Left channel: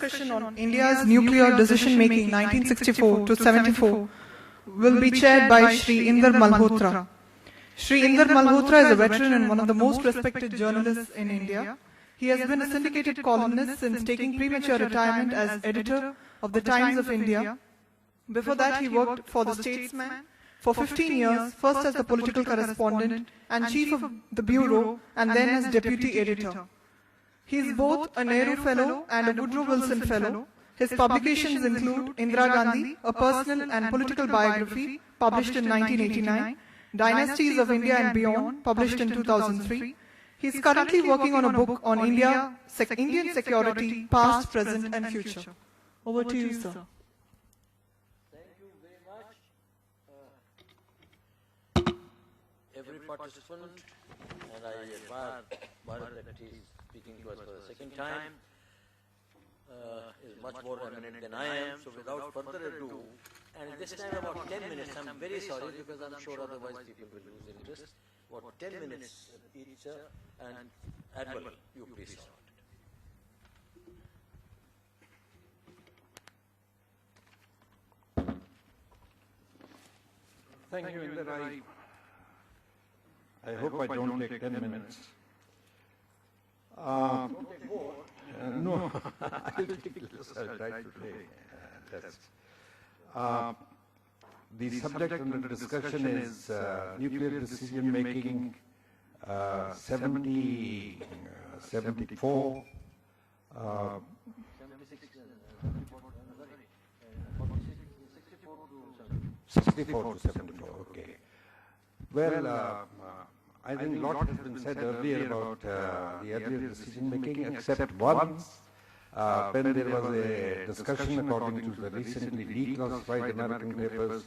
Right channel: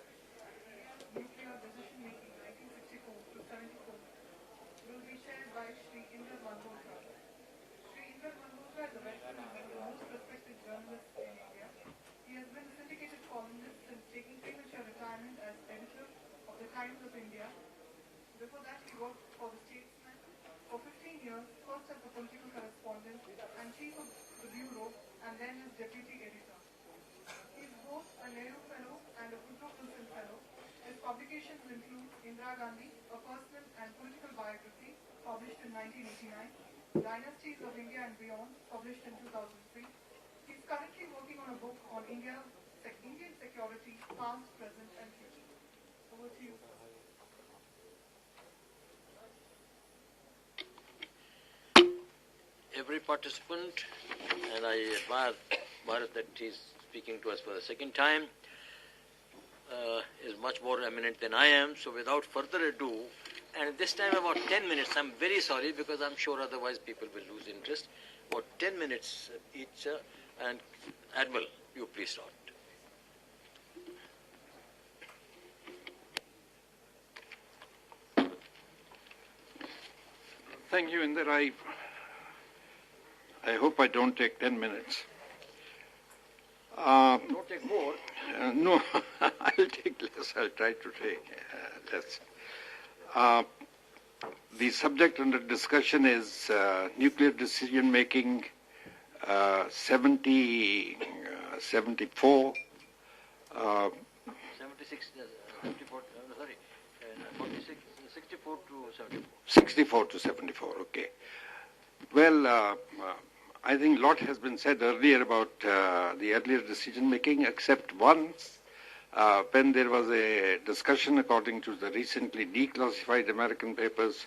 discussion on India's nuclear decision-making 1964 to 74 will be chaired by Shri Inder Malhotra. Shri Inder Malhotra is a veteran and one of the most respected journalists in India. He has been a syndicated columnist since taking premature retirement as editor of the Times of India. Before that, he worked for The Statesman for 15 years, first as the political correspondent and chief of the bureau, and then as deputy editor. He is both a Nehru Fellow and a Woodrow Wilson Fellow. His publications include Indira Gandhi, a personal and political biography, published in 1989, Dynasties of India and Beyond, published in 2003. He is currently working on a book on Indian security, past, present and future. Over to you, sir. Every participant, and I admire Bharat that he is speaking to us for the second time, is much more eminent than I am. So without further ado, and this time about 10 minutes, I'm very sorry because I'm sure otherwise people will lose interest. About 10 minutes each, and Admiral, you please start. Thank you, Inder. I hope I don't take 10 minutes. Don't take more. No, I'll take less. I'll try to take less. The subject under discussion is nuclear decision making 70, 74. 76, 54, sorry, 46, 64 to 74. 64 to 74, okay. Well, I think a lot has been said earlier about the earlier decision making, except once when there was a discussion according to the recently declassified American papers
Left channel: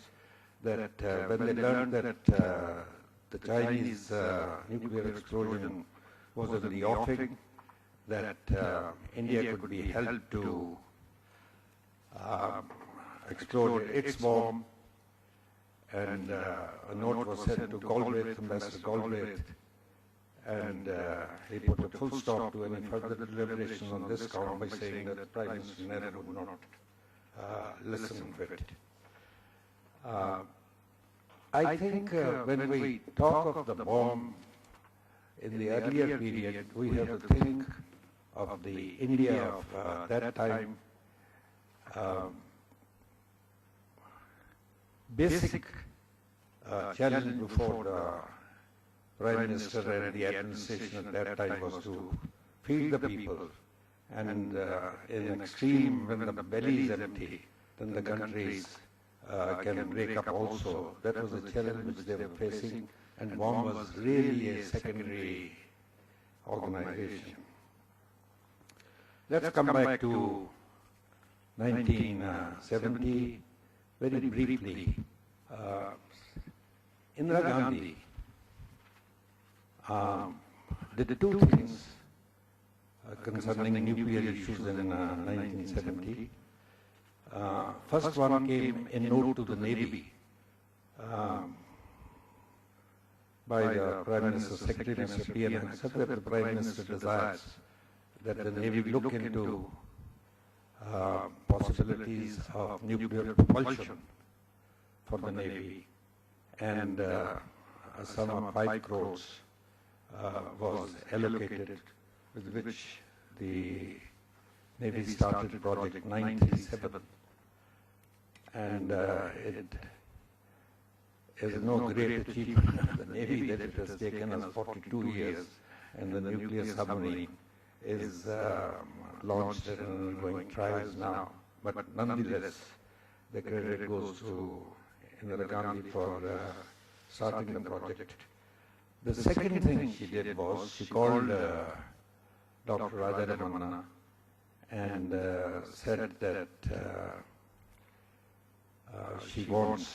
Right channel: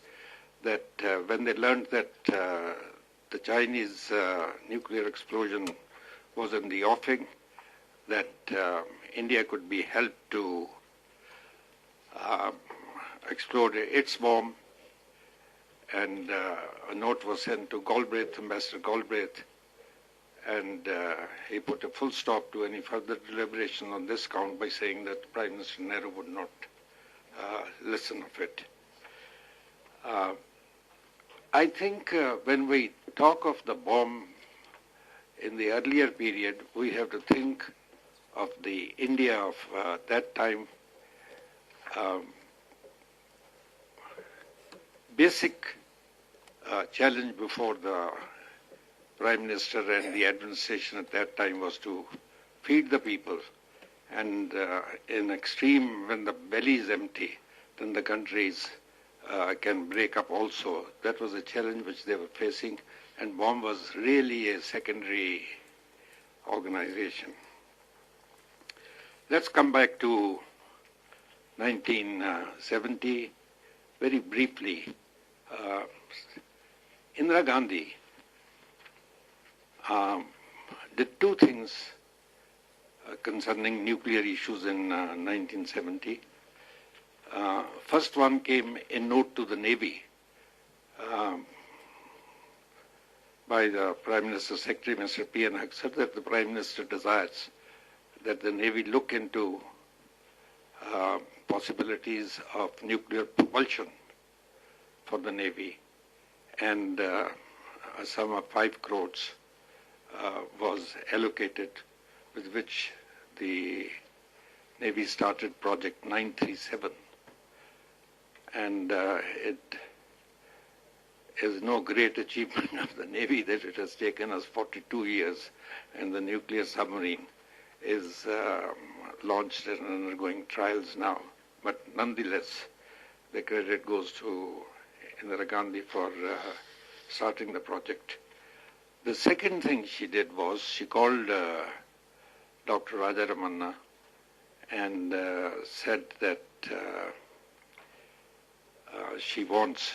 that when they learned that the Chinese nuclear explosion was in the offing, that India could be held to explode its bomb, and a note was sent to Galbraith, Ambassador Galbraith, and he put a full stop to any further deliberation on this count by saying that Prime Minister Nehru would not listen of it. I think when we talk of the bomb in the earlier period, we have to think of the India of that time. Basic challenge before the Prime Minister and the administration at that time was to feed the people, and in extreme, when the belly is empty, then the countries can break up also. That was a challenge which they were facing, and bomb was really a secondary organization. Let's come back to 1970 very briefly. Indira Gandhi did two things concerning nuclear issues in 1970. First one came a note to the Navy by the Prime Minister's Secretary, Mr. P.N. Haksar, that the Prime Minister desires that the Navy look into possibilities of nuclear propulsion for the Navy, and a sum of 5 crores was allocated, with which the Navy started Project 937. And it is no great achievement of the Navy that it has taken us 42 years, and the nuclear submarine is launched and undergoing trials now. But nonetheless, the credit goes to Indira Gandhi for starting the project. The second thing she did was she called Dr. Rajaramana and said that she wants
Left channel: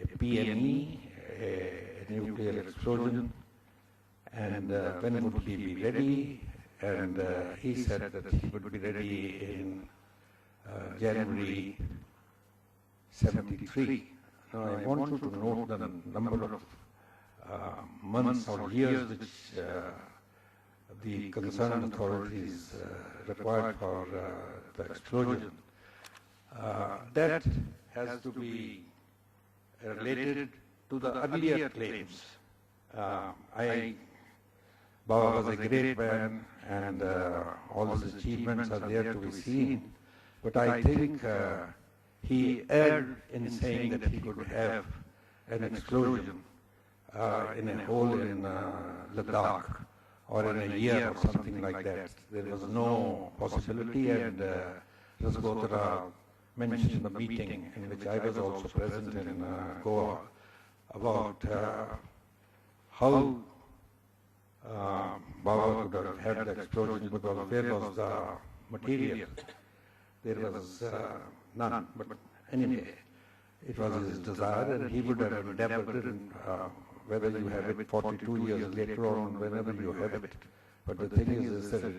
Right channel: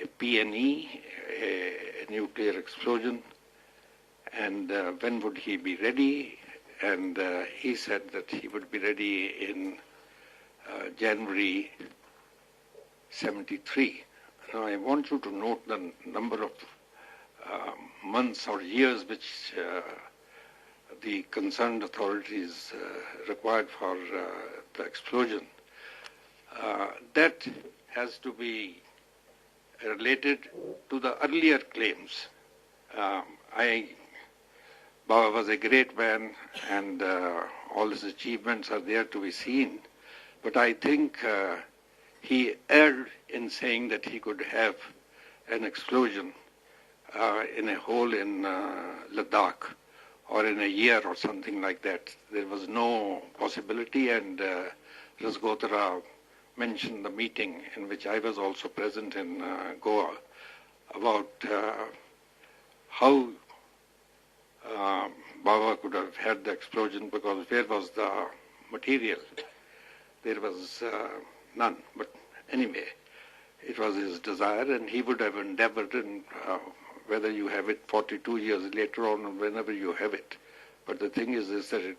a PNE, a nuclear explosion, and when would he be ready? And he said that he would be ready in January 73. Now I want you to note the number of months or years which the concerned authorities required for the explosion, that has to be related to the earlier claims. Baba was a great man, and all his achievements are there to be seen, but I think he erred in saying that he could have an explosion in a hole in Ladakh or in a year or something like that. There was no possibility, and Rasgotra mentioned the meeting in which I was also present in Goa about how Baba could have had the explosion, because where was the material? There was none. But anyway, it was his desire, and he would have endeavored, and whether you have it 42 years later on, whenever you have it. But the thing is that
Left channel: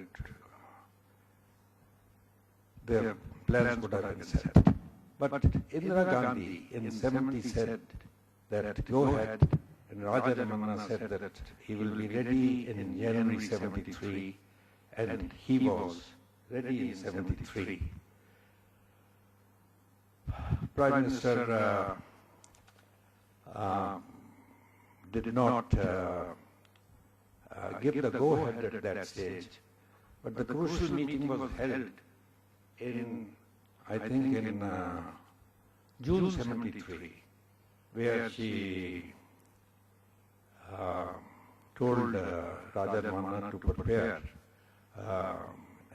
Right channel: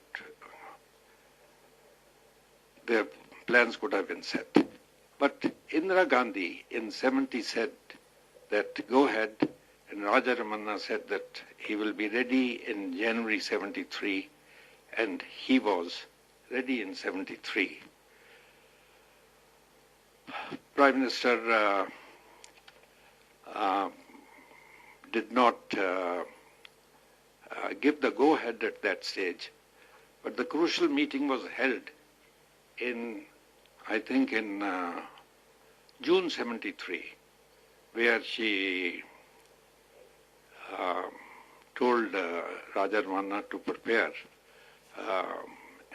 their plans would have been set. But Indira Gandhi in 70 said that go ahead, and Raja Ramanna said that he will be ready in January 73, and he was ready in 73. Prime Minister did not give the go-ahead at that stage, but the crucial meeting was held in, I think, in June 73, where she told Raja Ramanna to prepare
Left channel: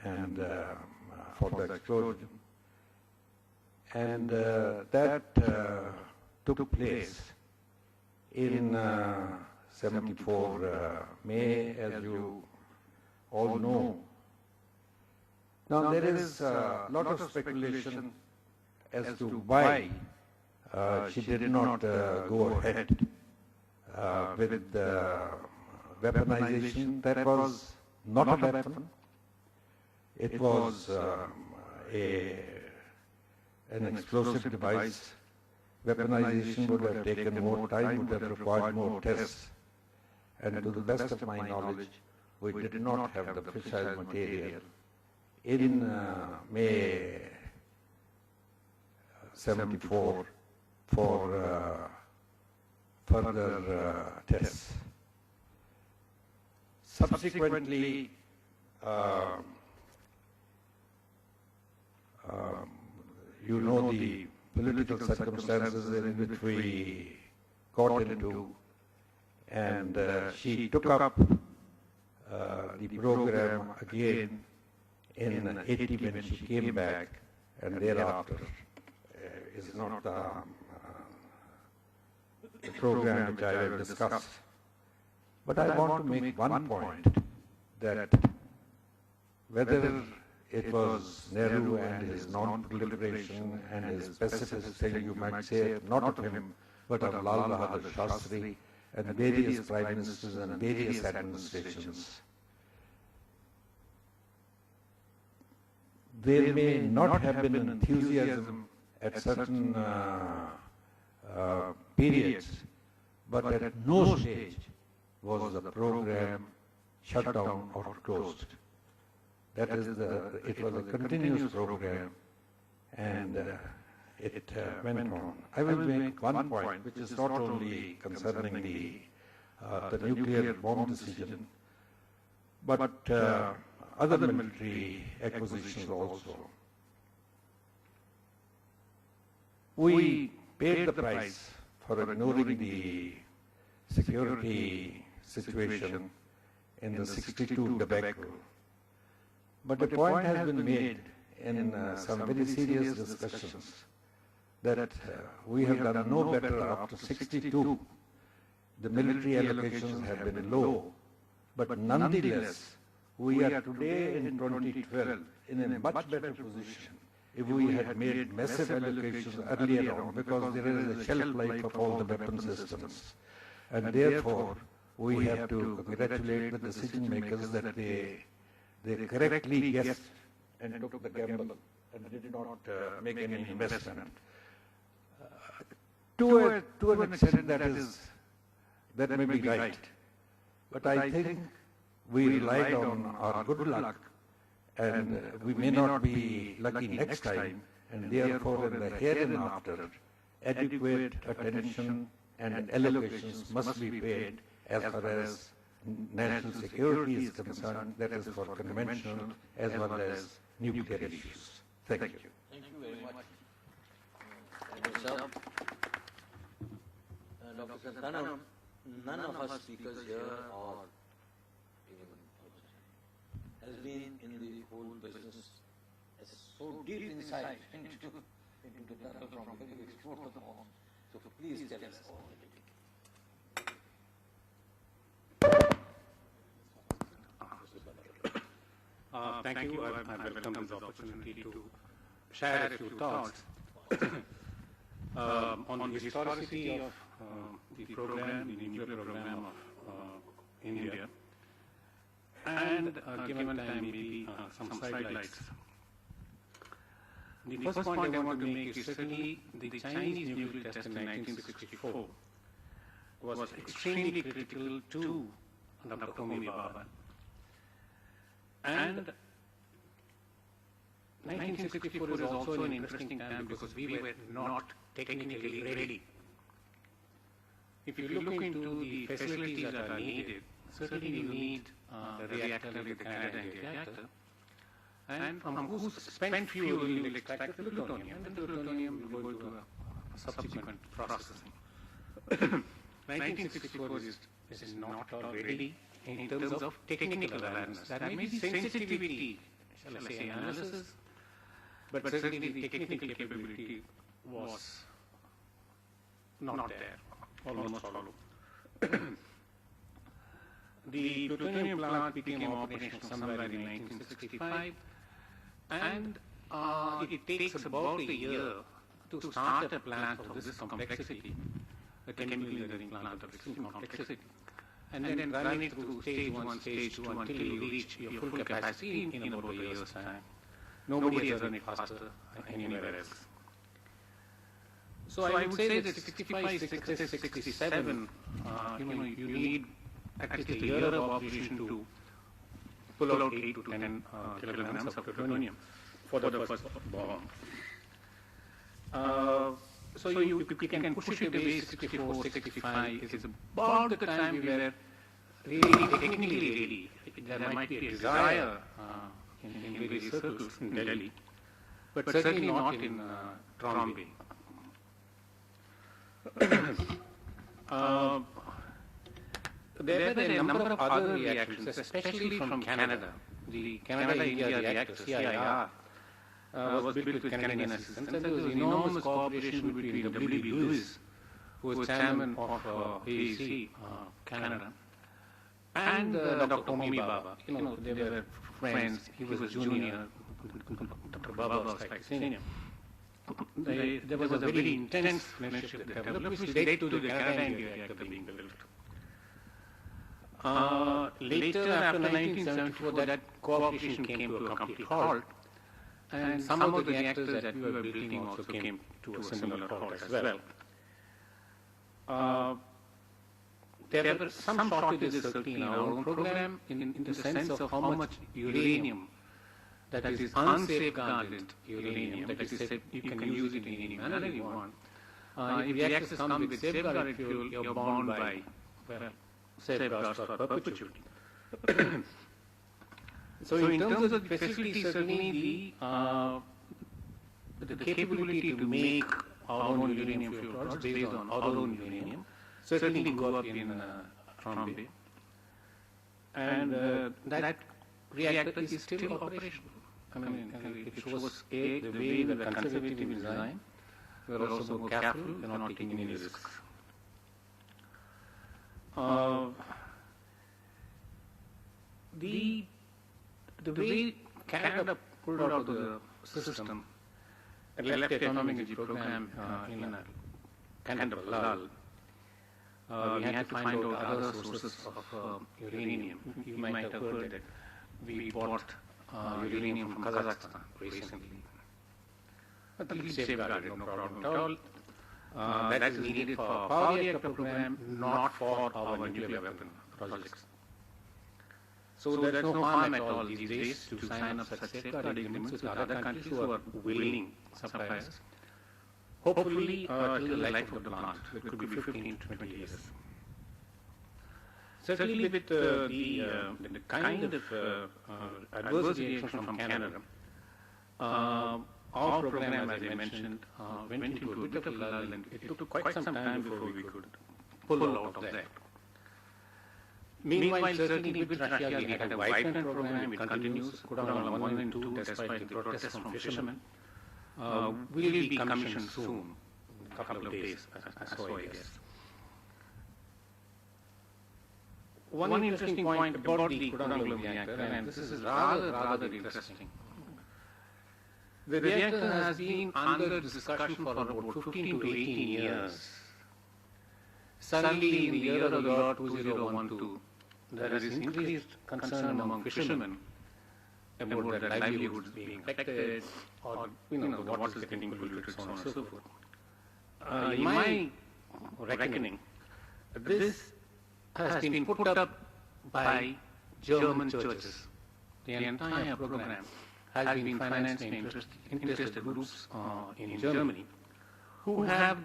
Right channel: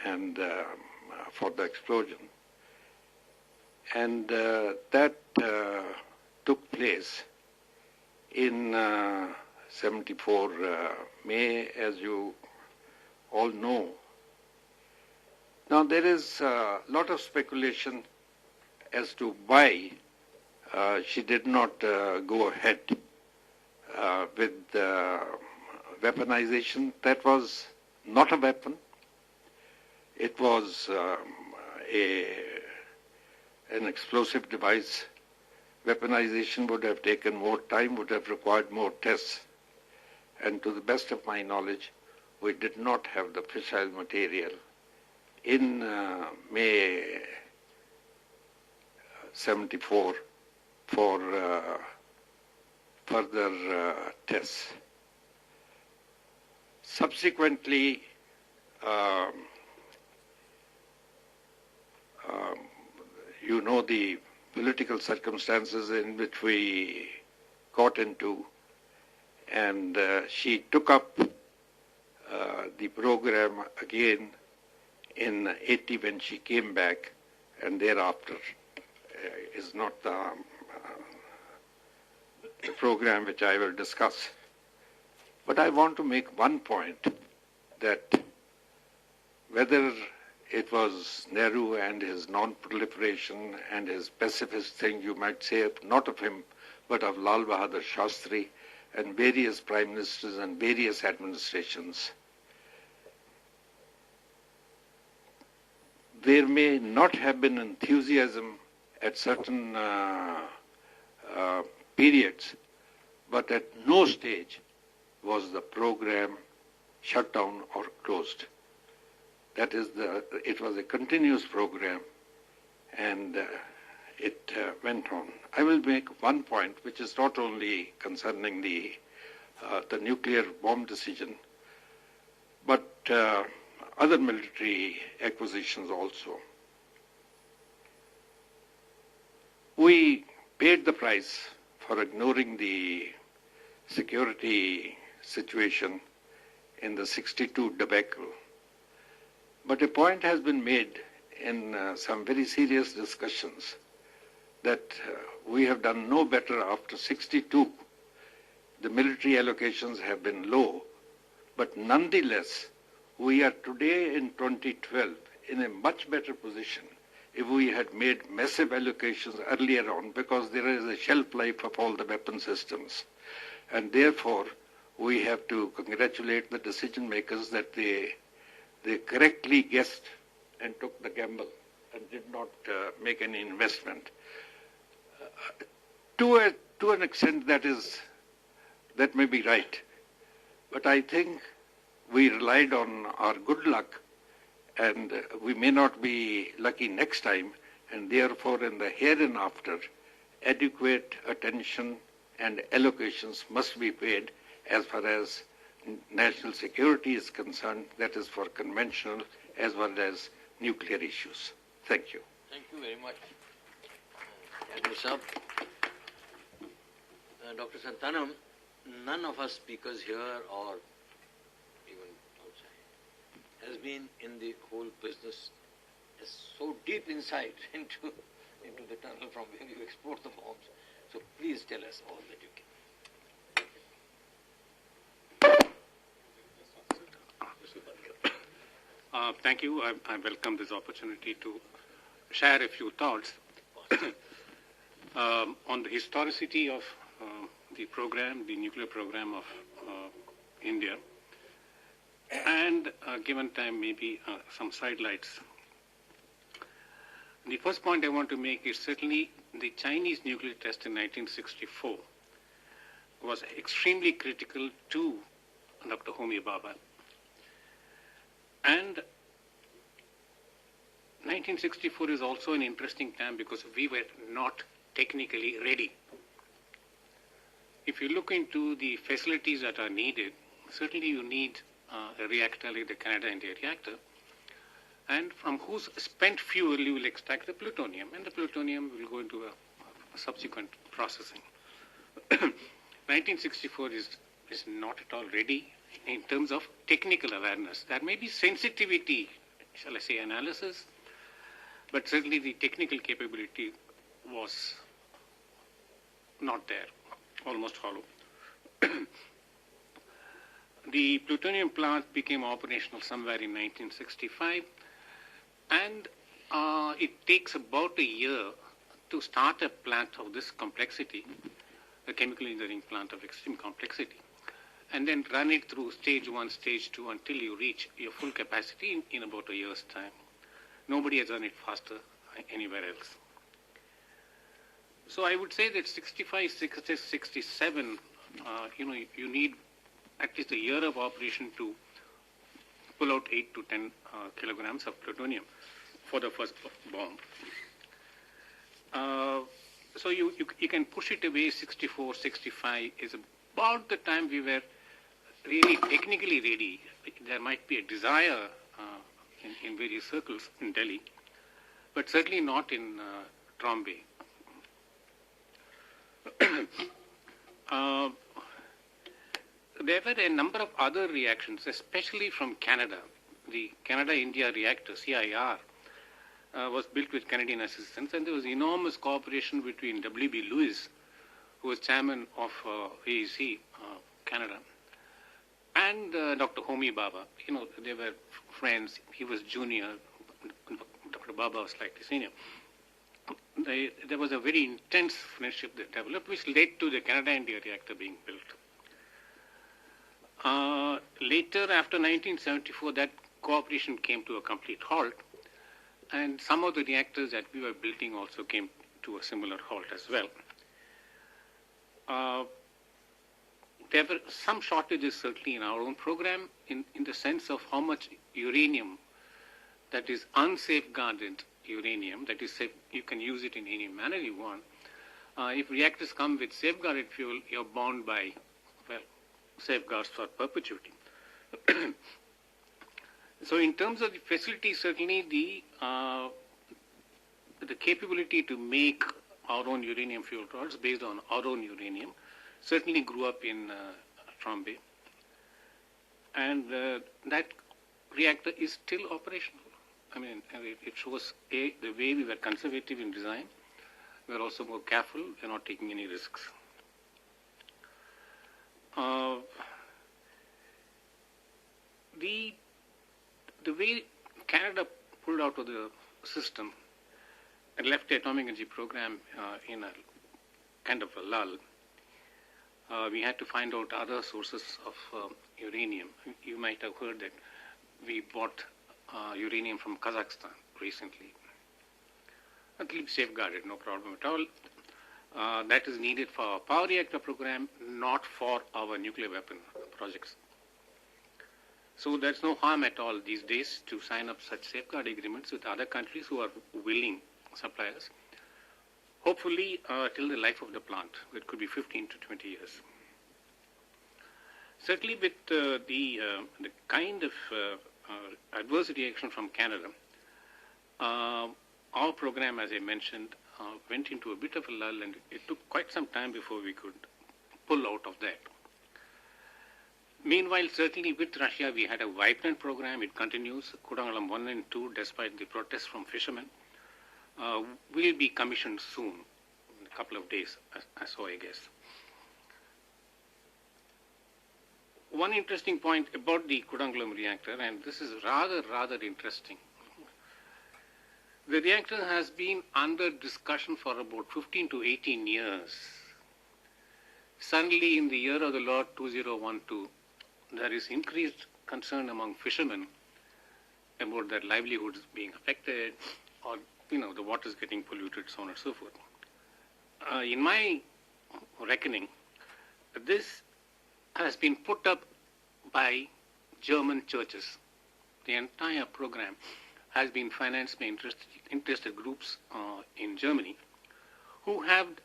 and for the explosion. And that took place in 74 May, as you all know. Now there is a lot of speculation as to why she did not go ahead with weaponization. That was not a weapon. It was an explosive device. Weaponization would have taken more time, would have required more tests. And to the best of my knowledge, we did not have the fissile material in May 74 for further tests. Subsequently, you know the political circumstances in which we got into, and she took up the program again in 80 when she came back, and thereafter is not the program which I will discuss. But I want to make one point, that whether it was Nehru and his non-proliferation and his pacifist thing, you might say, not of him, but of Lal Bahadur Shastri and various prime ministers and various administrations. There may not have been enthusiasm at certain periods, but at no stage was the program shut down or closed. That is, it was a continuous program, and it went on. I will make one point, which is not only concerning the nuclear bomb decision, but other military acquisitions also. We paid the price for ignoring the security situation in the 62 debacle. But a point has been made in some very serious discussions that we have done no better after 62. The military allocations have been low, but nonetheless, we are today in 2012 in a much better position if we had made massive allocations earlier on, because there is a shelf life of all the weapon systems. And therefore, we have to congratulate the decision makers that they correctly guessed and took the gamble and did not make any investment. To an extent, that may be right. But I think we relied on our good luck, and we may not be lucky next time, and therefore in the hereinafter, adequate attention and allocations must be paid as far as national security is concerned, that is for conventional as well as nuclear issues. Thank you. Thank you very much. Sir. Dr. Santhanam, none of us speakers here or even outside has been in the whole business as so deep insight into the tunnel from where you export the bombs. So please tell us all that you can. Thank you. I welcome this opportunity to share a few thoughts on the historicity of the program, the nuclear program of India, and given time, maybe some sidelights. The first point I want to make is certainly the Chinese nuclear test in 1964 was extremely critical to Dr. Homi Bhabha. And 1964 is also an interesting time because we were not technically ready. If you look into the facilities that are needed, certainly you need a reactor like the Canada-India reactor, and from whose spent fuel you will extract the plutonium, and the plutonium will go into a subsequent processing. 1964 is not at all ready in terms of technical awareness. There may be sensitivity, shall I say, analysis, but certainly the technical capability was not there, almost hollow. The plutonium plant became operational somewhere in 1965, and it takes about a year to start a plant of this complexity, a chemical engineering plant of extreme complexity, and then run it through stage 1, stage 2 until you reach your full capacity in about a year's time. Nobody has done it faster anywhere else. So I would say that 65, 66, 67, you need at least a year of operation to pull out 8 to 10 kilograms of plutonium for the first bomb. So you can push it away. 64, 65 is about the time we were really technically ready. There might be a desire in various circles in Delhi, but certainly not in Trombay. There were a number of other reactions, especially from Canada. The Canada-India reactor, CIR, was built with Canadian assistance, and there was enormous cooperation between W.B. Lewis, who was chairman of AEC Canada, and Dr. Homi Bhabha. They were friends. He was junior. Dr. Bhabha was slightly senior. There was a very intense friendship that developed, which led to the Canada-India reactor being built. Later, after 1974, that cooperation came to a complete halt, and some of the reactors that we were building also came to a similar halt as well. There were some shortages certainly in our own program in the sense of how much uranium, that is unsafeguarded uranium, that is said you can use it in any manner you want. If reactors come with safeguarded fuel, you're bound by safeguards for perpetuity. So in terms of the facility, certainly the capability to make our own uranium fuel products based on our own uranium certainly grew up in Trombay. And that reactor is still operational. I mean, it shows the way we were conservative in design, we are also more careful, we are not taking any risks. The way Canada pulled out of the system and left the atomic energy program in a kind of a lull, we had to find out other sources of uranium. You might have heard that we bought uranium from Kazakhstan recently. Completely safeguarded, no problem at all. That is needed for our power reactor program, not for our nuclear weapon projects. So there's no harm at all these days to sign up such safeguard agreements with other countries who are willing suppliers. Hopefully, till the life of the plant, it could be 15 to 20 years. Certainly with the kind of adverse reaction from Canada, our program, as I mentioned, went into a bit of a lull, and it took quite some time before we could pull out of that. Meanwhile, certainly with Russia, we had a vibrant program. It continues, Kudangalam 1 and 2, despite the protests from fishermen. Will be commissioned soon, in a couple of days, so I guess. One interesting point about the Kudangalam reactor, and this is rather interesting. The reactor has been under discussion for about 15 to 18 years. Suddenly, in the year of the Lord 2012, there is increased concern among fishermen about their livelihoods being affected, or the waters getting polluted, so on and so forth. In my reckoning, this has been put up by German churches. The entire program has been financed by interested groups in Germany who have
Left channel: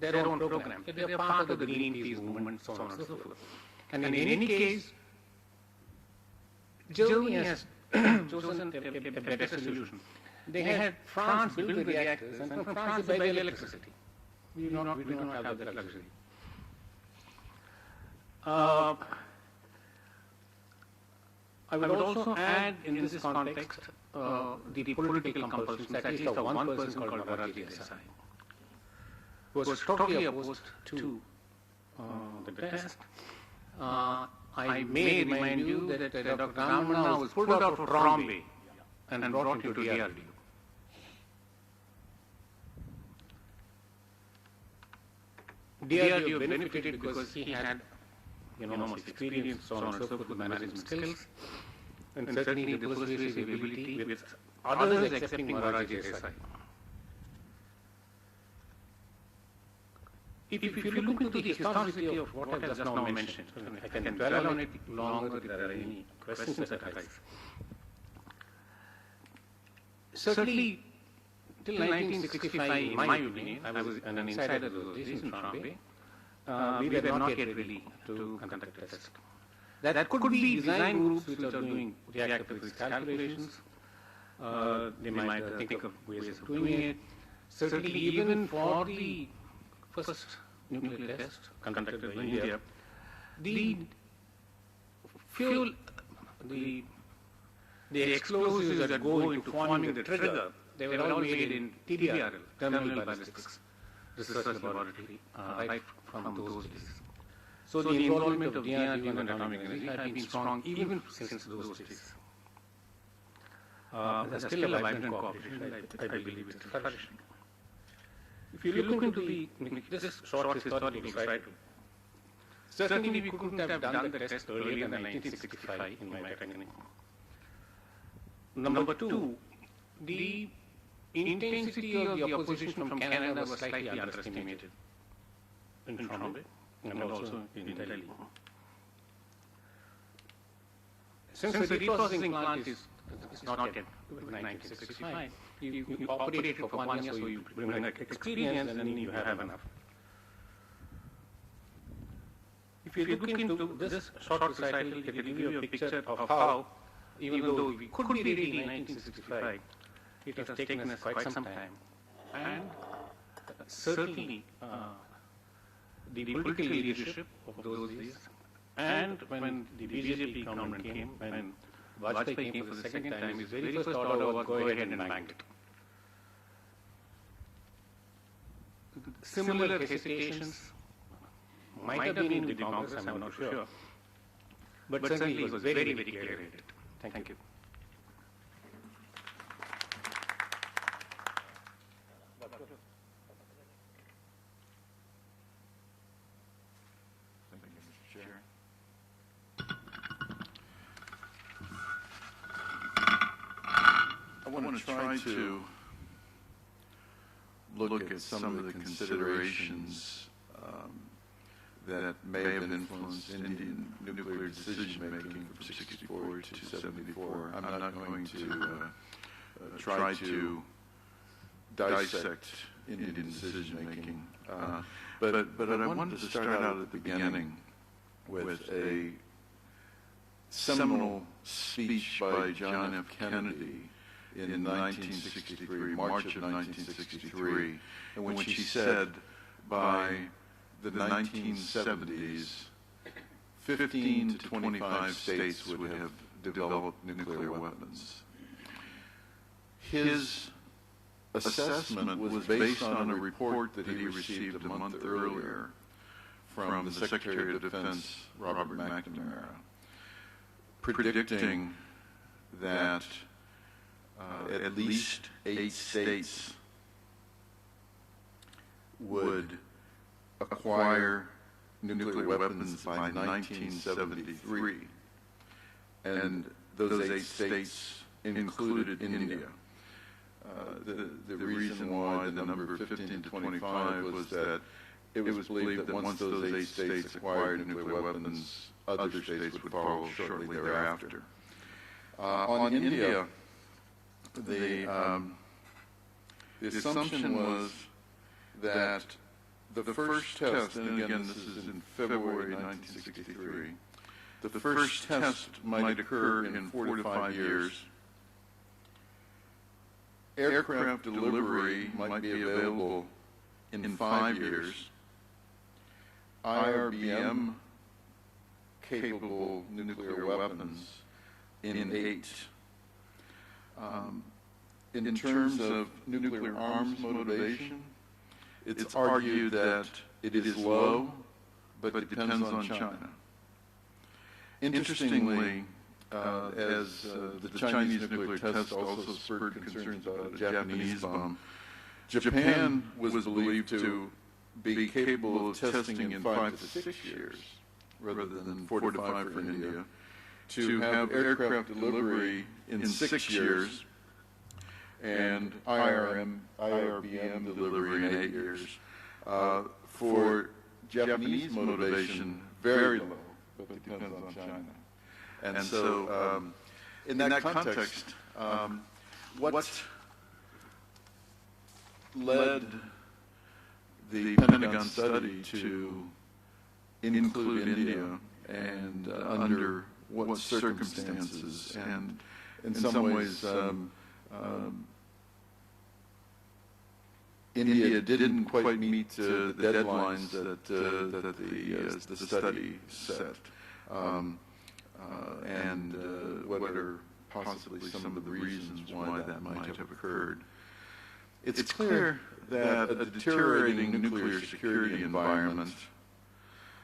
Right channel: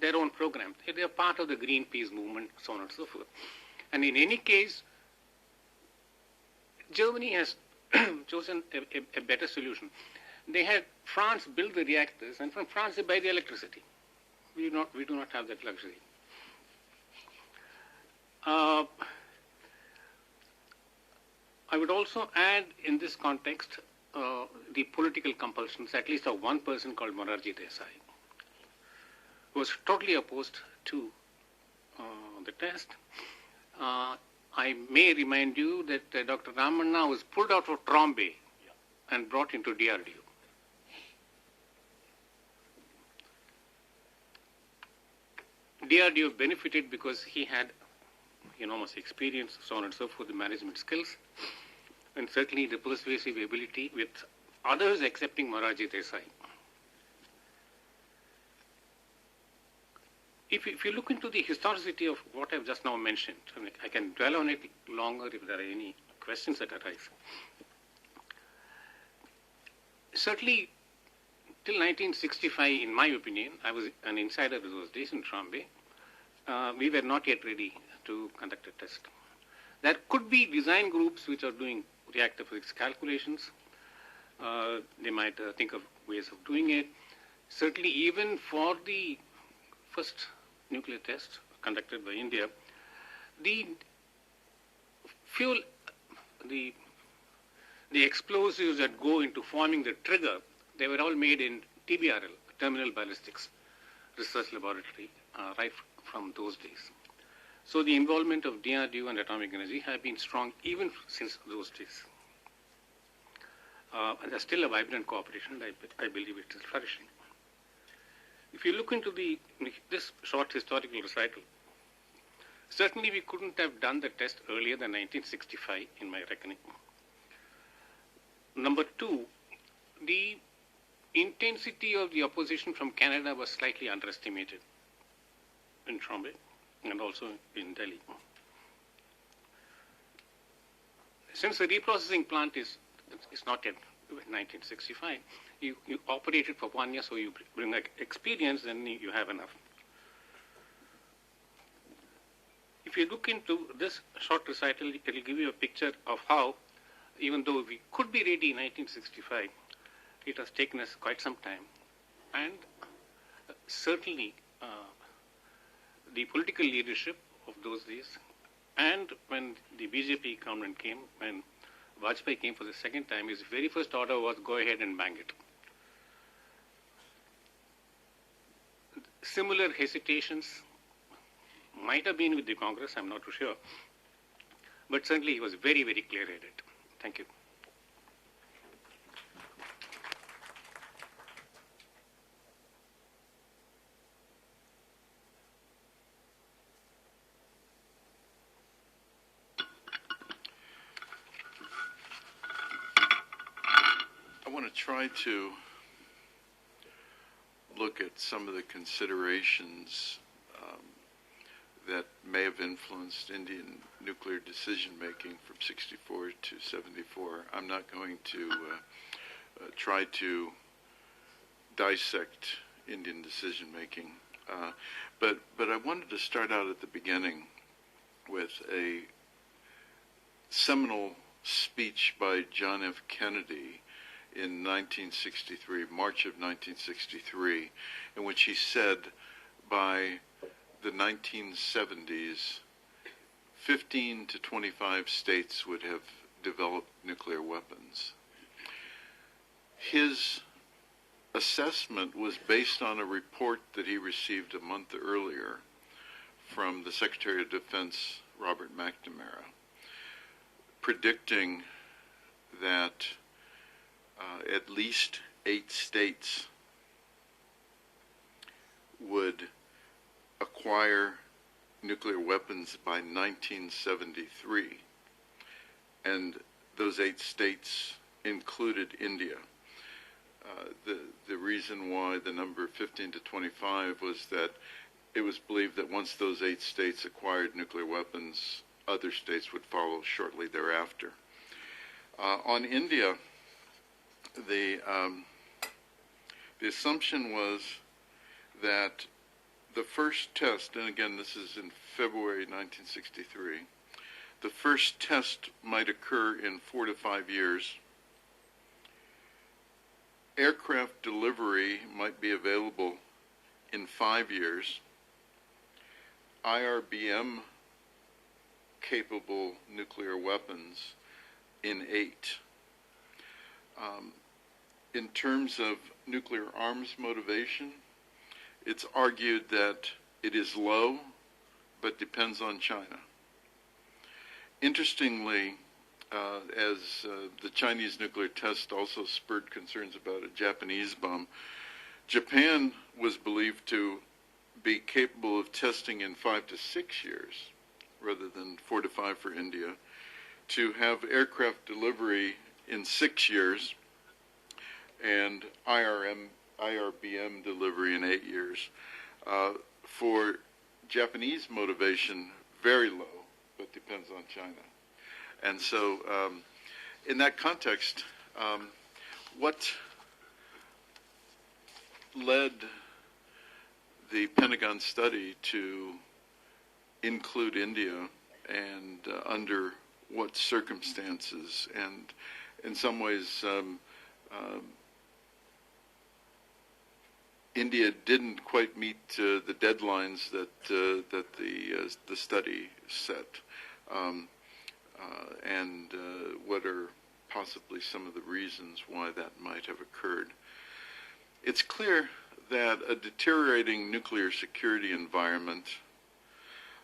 their own program. They are part of the Greenpeace movement, so on and so forth. And in any case, Germany has chosen a better solution. They have France build the reactors, and from France they buy the electricity. We do not have that luxury. I would also add in this context the political compulsions, at least of one person called Morarji Desai, who was totally opposed to the test. I may remind you that Dr. Ramanna was pulled out of Trombay and brought into DRDO. DRDO benefited because he had enormous experience, so on and so forth, the management skills, and certainly the persuasive ability with others accepting Morarji Desai. If you look into the historicity of what I've just now mentioned, I can dwell on it longer if there are any questions that arise. Certainly, till 1965, in my opinion, I was an insider those days in Trombay, we were not yet ready to conduct a test. That could be design groups which are doing reactor physics calculations. They might think of ways of doing it. Certainly, even for the first nuclear test conducted by India, the fuel, the explosives that go into forming the trigger, they were all made in TBR, Terminal Ballistics Research Laboratory, right from those days. So the involvement of DRDO and atomic energy have been strong even since those days. There's still a vibrant cooperation, I believe it is flourishing. If you look into this short historical aside, certainly we couldn't have done the test earlier than 1965 in my reckoning. Number two, the intensity of the opposition from Canada was slightly underestimated in Trombay and also in Delhi. Since the reprocessing plant is not yet 1965, you operate it for 1 year, so you bring experience and then you have enough. If you look into this short recital, it will give you a picture of how, even though we could be ready in 1965, it has taken us quite some time. And certainly the political leadership of those days, and when the BJP government came, when Vajpayee came for the second time, his very first order was go ahead and bank it. Similar hesitations might have been in the Congress, I'm not sure, but certainly he was very, very clear in it. Thank you. I want to try to look at some of the considerations that may have influenced Indian nuclear decision-making from 64 to 74. I'm not going to try to dissect Indian decision-making, but I wanted to start out at the beginning with a seminal speech by John F. Kennedy in 1963, March of 1963, in which he said, by the 1970s, 15 to 25 states would have developed nuclear weapons. His assessment was based on a report that he received a month earlier from the Secretary of Defense, Robert McNamara, predicting that at least 8 states would acquire nuclear weapons by 1973. And those 8 states included India. The reason why the number 15 to 25 was that it was believed that once those 8 states acquired nuclear weapons, other states would follow shortly thereafter. On India, the assumption was that the first test, and again this is in February 1963, the first test might occur in 4 to 5 years. Aircraft delivery might be available in 5 years. IRBM capable nuclear weapons in 8. In terms of nuclear arms motivation, it's argued that it is low, but depends on China. Interestingly, as the Chinese nuclear test also spurred concerns about a Japanese bomb, Japan was believed to be capable of testing in 5 to 6 years, rather than 4 to 5 for India, to have aircraft delivery in 6 years and IRBM delivery in 8 years. For Japanese motivation, very low, but depends on China. And so, in that context, what led the Pentagon study to include India, and under what circumstances? And in some ways, India didn't quite meet the deadlines that the study set. And what are possibly some of the reasons why that might have occurred. It's clear that a deteriorating nuclear security environment,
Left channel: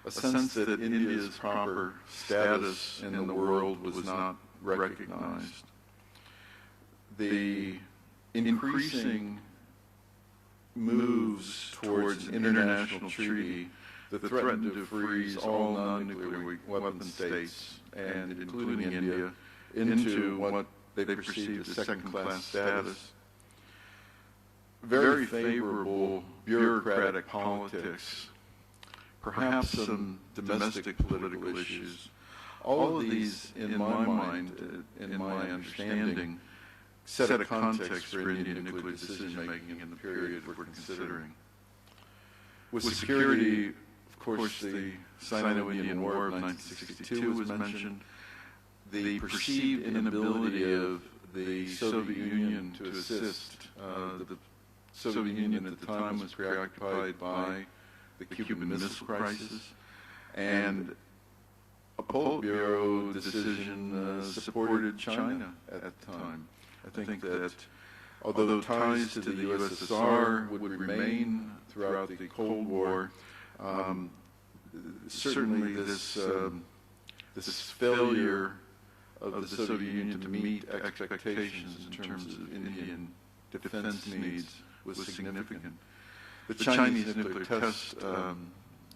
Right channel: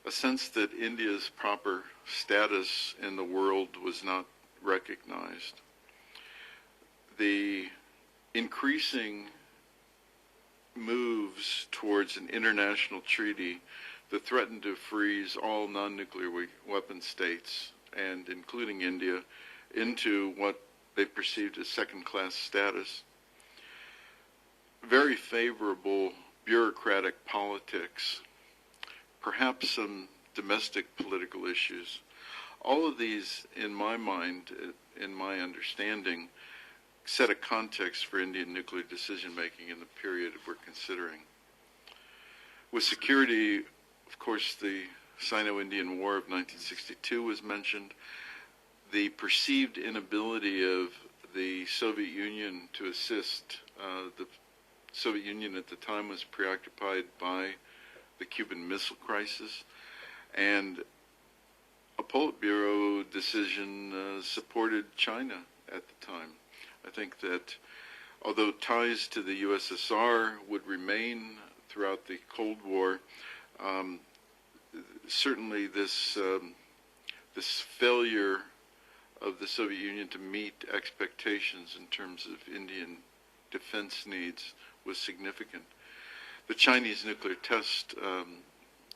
a sense that India's proper status in the world was not recognized, the increasing moves towards an international treaty that threatened to freeze all non-nuclear weapon states, and including India, into what they perceived as second-class status. Very favorable bureaucratic politics, perhaps some domestic political issues. All of these, in my mind, in my understanding, set a context for Indian nuclear decision-making in the period we're considering. With security, of course, the Sino-Indian War of 1962 was mentioned. The perceived inability of the Soviet Union to assist. The Soviet Union at the time was preoccupied by the Cuban Missile Crisis, and a Politburo decision supported China at the time. I think that although ties to the USSR would remain throughout the Cold War, certainly this failure of the Soviet Union to meet expectations in terms of Indian defense needs was significant. The Chinese nuclear test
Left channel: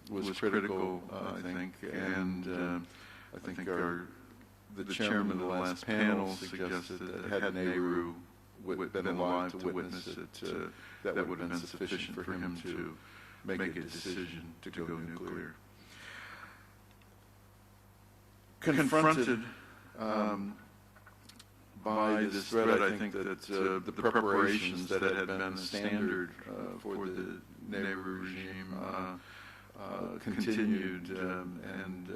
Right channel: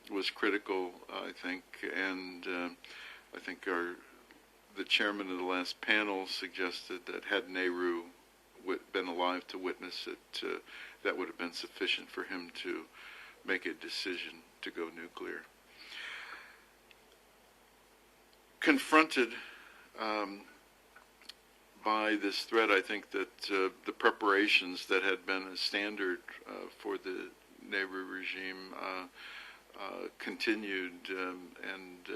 was critical, I think, and I think the chairman of the last panel suggested that had Nehru been alive to witness it, that would have been sufficient for him to make a decision to go nuclear. confronted by this threat, I think that the preparations that had been standard for the Nayyar regime continued and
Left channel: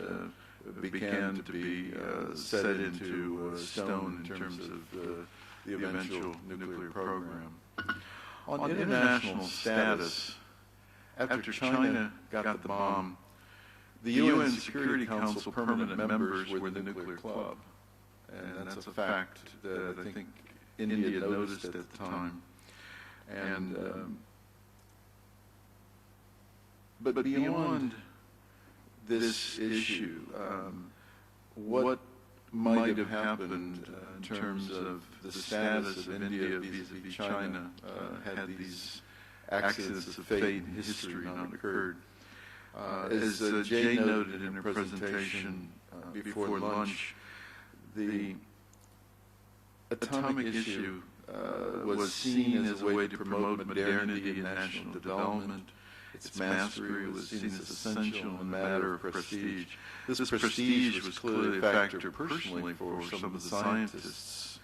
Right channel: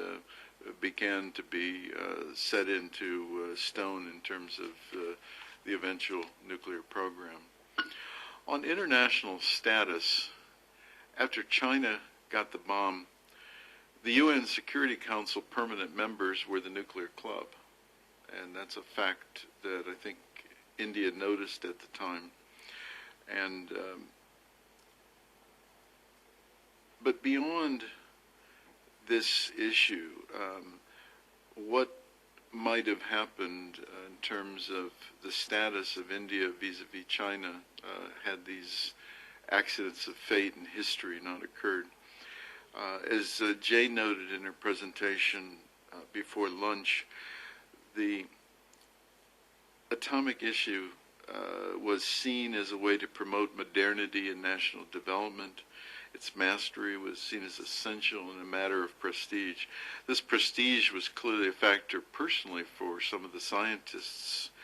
began to be set into stone in terms of the eventual nuclear program. On international status, after China got the bomb, the UN Security Council permanent members were the nuclear club. And that's a fact that I think India noticed at the time. And but beyond this issue, what might have happened in terms of the status of India vis-a-vis China had these accidents of fate in history not occurred? As Jay noted in her presentation before lunch, the atomic issue was seen as a way to promote modernity and national development. Its mastery was seen as essential in a matter of prestige. This prestige was clearly a factor personally for some of the scientists.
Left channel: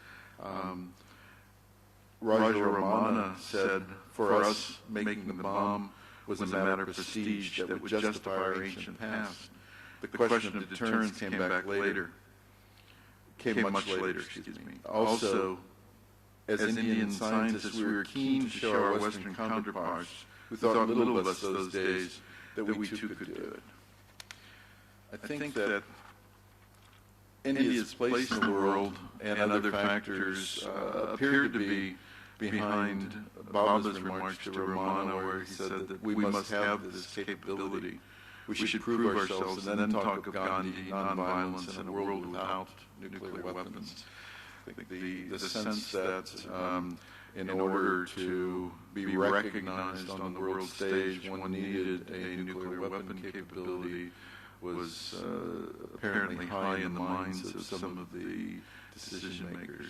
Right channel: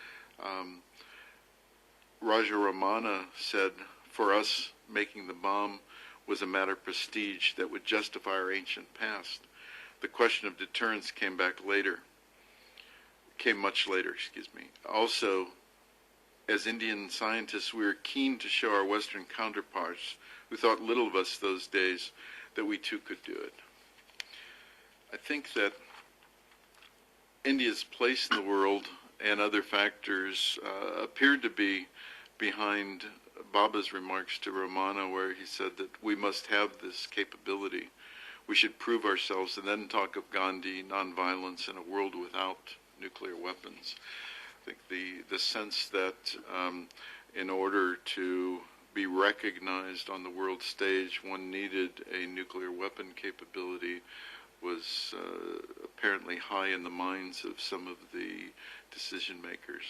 Raja Ramana said, for us, making the bomb was a matter of prestige that would justify our ancient past. The question of deterrence came back later. Came much later, excuse me. Also, as Indian scientists, we were keen to show our Western counterparts, who thought little of us those days, that we too could do it. I think that India's place in the world and other factors appeared to be behind Baba's remarks to Ramana, where he said that we must have this capability. We should prove ourselves and then talk of Gandhi, nonviolence, and a world without nuclear weapons. I think the sense that in order to be recognized on the world stage, one needed a nuclear weapon capability was apparently high in the minds of some of the decision makers.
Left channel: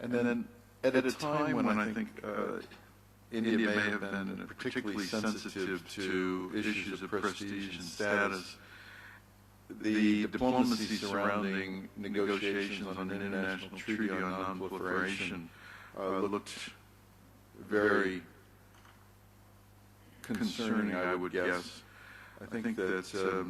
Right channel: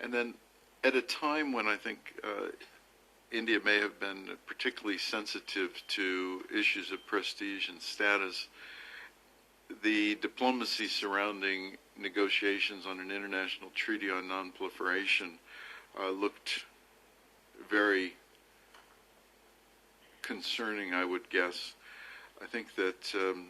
And then at a time when I think India may have been particularly sensitive to issues of prestige and status, the diplomacy surrounding negotiations on an international treaty on non-proliferation looked very concerning, I would guess. I think that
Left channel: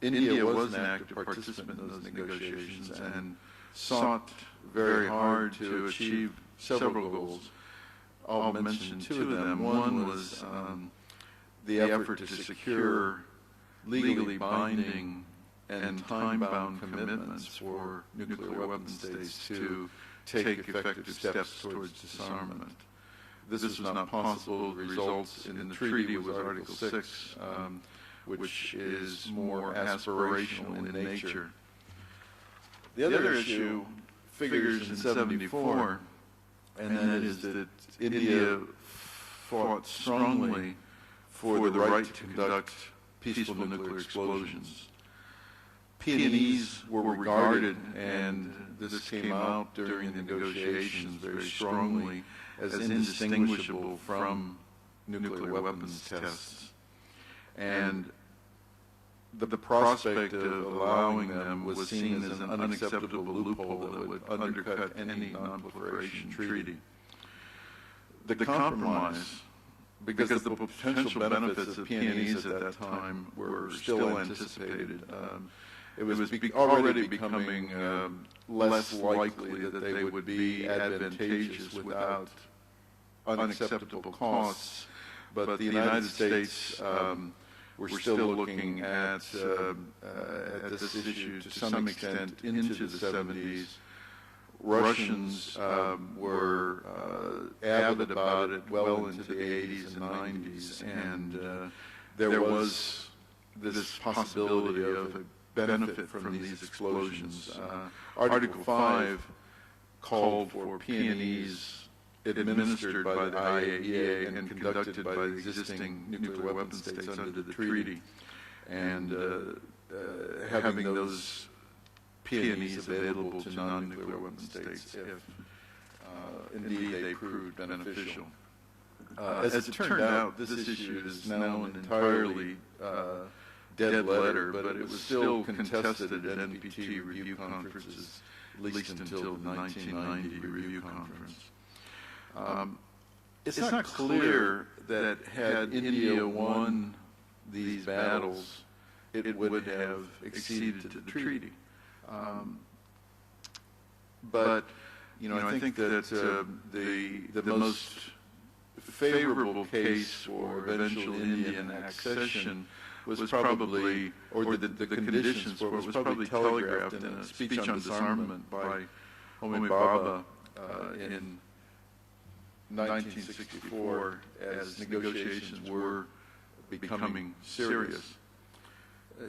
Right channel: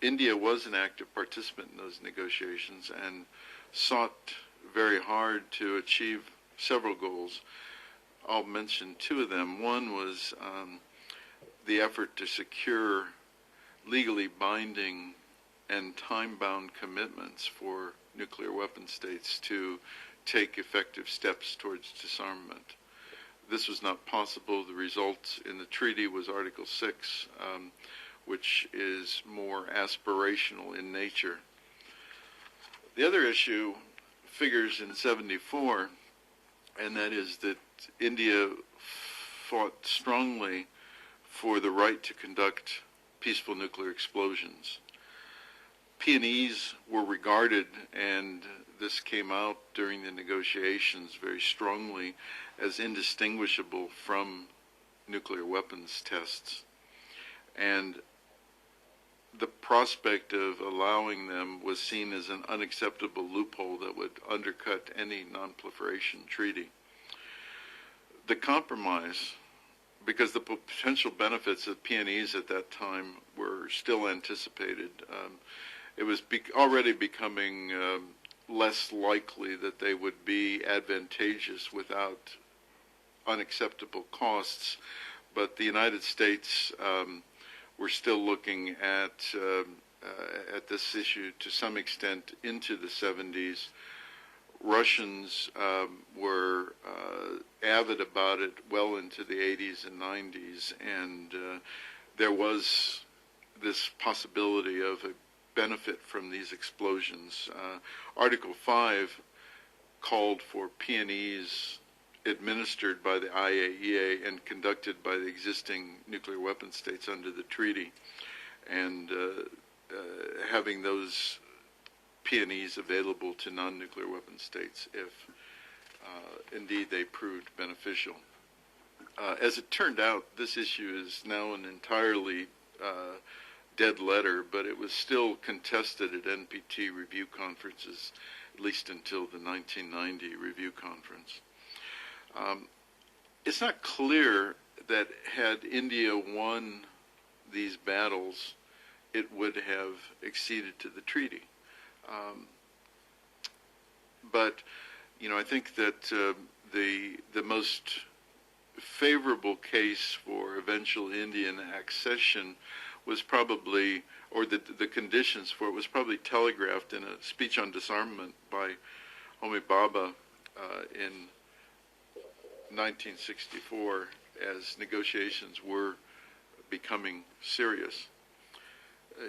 India was an active participant in those negotiations and sought very hard to achieve several goals. I'll mention two of them. One was the effort to secure legally binding and time-bound commitments for nuclear weapon states to take effective steps towards disarmament. This was not possible. The result in the treaty was Article 6, which is more aspirational in nature. The other issue figures in 74, and that is that India fought strongly for the right to conduct peaceful nuclear explosions. P&Es were regarded, and this came out during the negotiations very strongly, as indistinguishable from nuclear weapons tests. And the prospect of allowing them was seen as an unacceptable loophole that would undercut any non-proliferation treaty. The compromise, because the potential benefits of P&Es at that time were still anticipated, it was already becoming less likely that they would be advantageous without unacceptable costs. But the United States were still looking at this issue to some extent into the 70s. Russians were avid about it well into the 80s and 90s, and there was this possibility of a benefit from these explosions. Article 5 called for P&Es administered by the IAEA and conducted by the existing nuclear weapon states under the treaty, and having those P&Es available to non-nuclear weapon states if indeed they proved beneficial. As it turned out, this issue is now entirely dead letter, but it was still contested at NPT review conferences, at least until the 1990 review conference. It's not clear that had India won these battles, it would have acceded to the treaty. But I think that the most favorable case for eventual Indian accession was probably, or the conditions for it was probably telegraphed in a speech on disarmament by Homi Bhabha in 1964 as negotiations were becoming serious.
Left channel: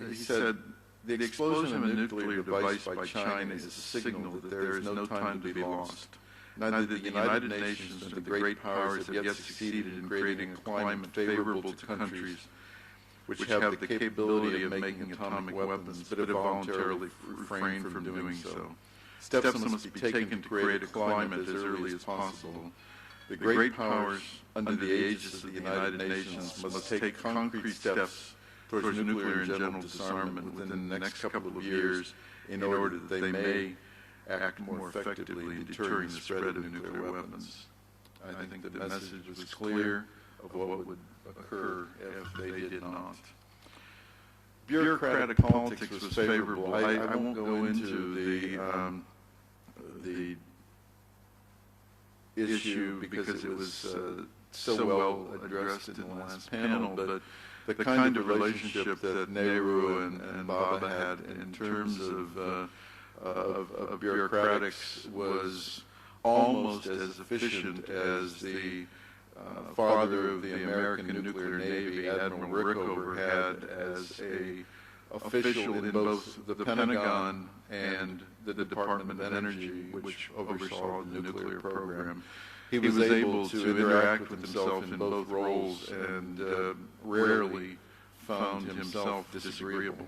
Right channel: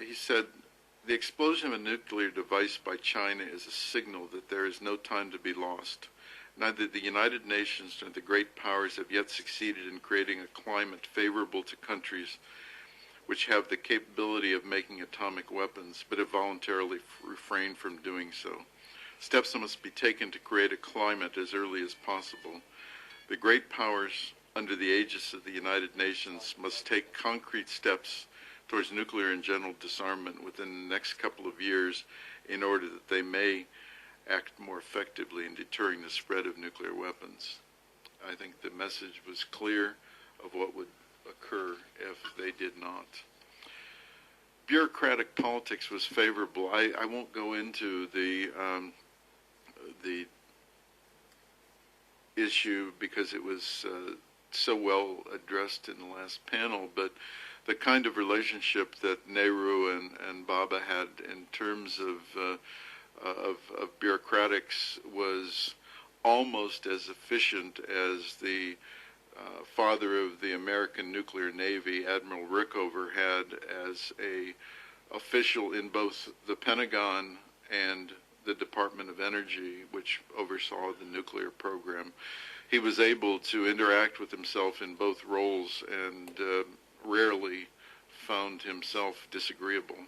He said, "The explosion of a nuclear device by China is a signal that there is no time to be lost. Neither the United Nations nor the great powers have yet succeeded in creating a climate favorable to countries which have the capability of making atomic weapons, but have voluntarily refrained from doing so. Steps must be taken to create a climate as early as possible. The great powers, under the aegis of the United Nations, must take concrete steps towards nuclear and general disarmament within the next couple of years in order that they may act more effectively in deterring the spread of nuclear weapons." I think the message was clear of what would occur if they did not. Bureaucratic politics was favorable. I won't go into the issue because it was so well addressed in the last panel, but the kind of relationship that Nehru and Bhabha had in terms of bureaucratics was almost as efficient as the father of the American nuclear navy, Admiral Rickover, had as a official in both the Pentagon and the Department of Energy, which oversaw the nuclear program. He was able to interact with himself in both roles and rarely found himself disagreeable.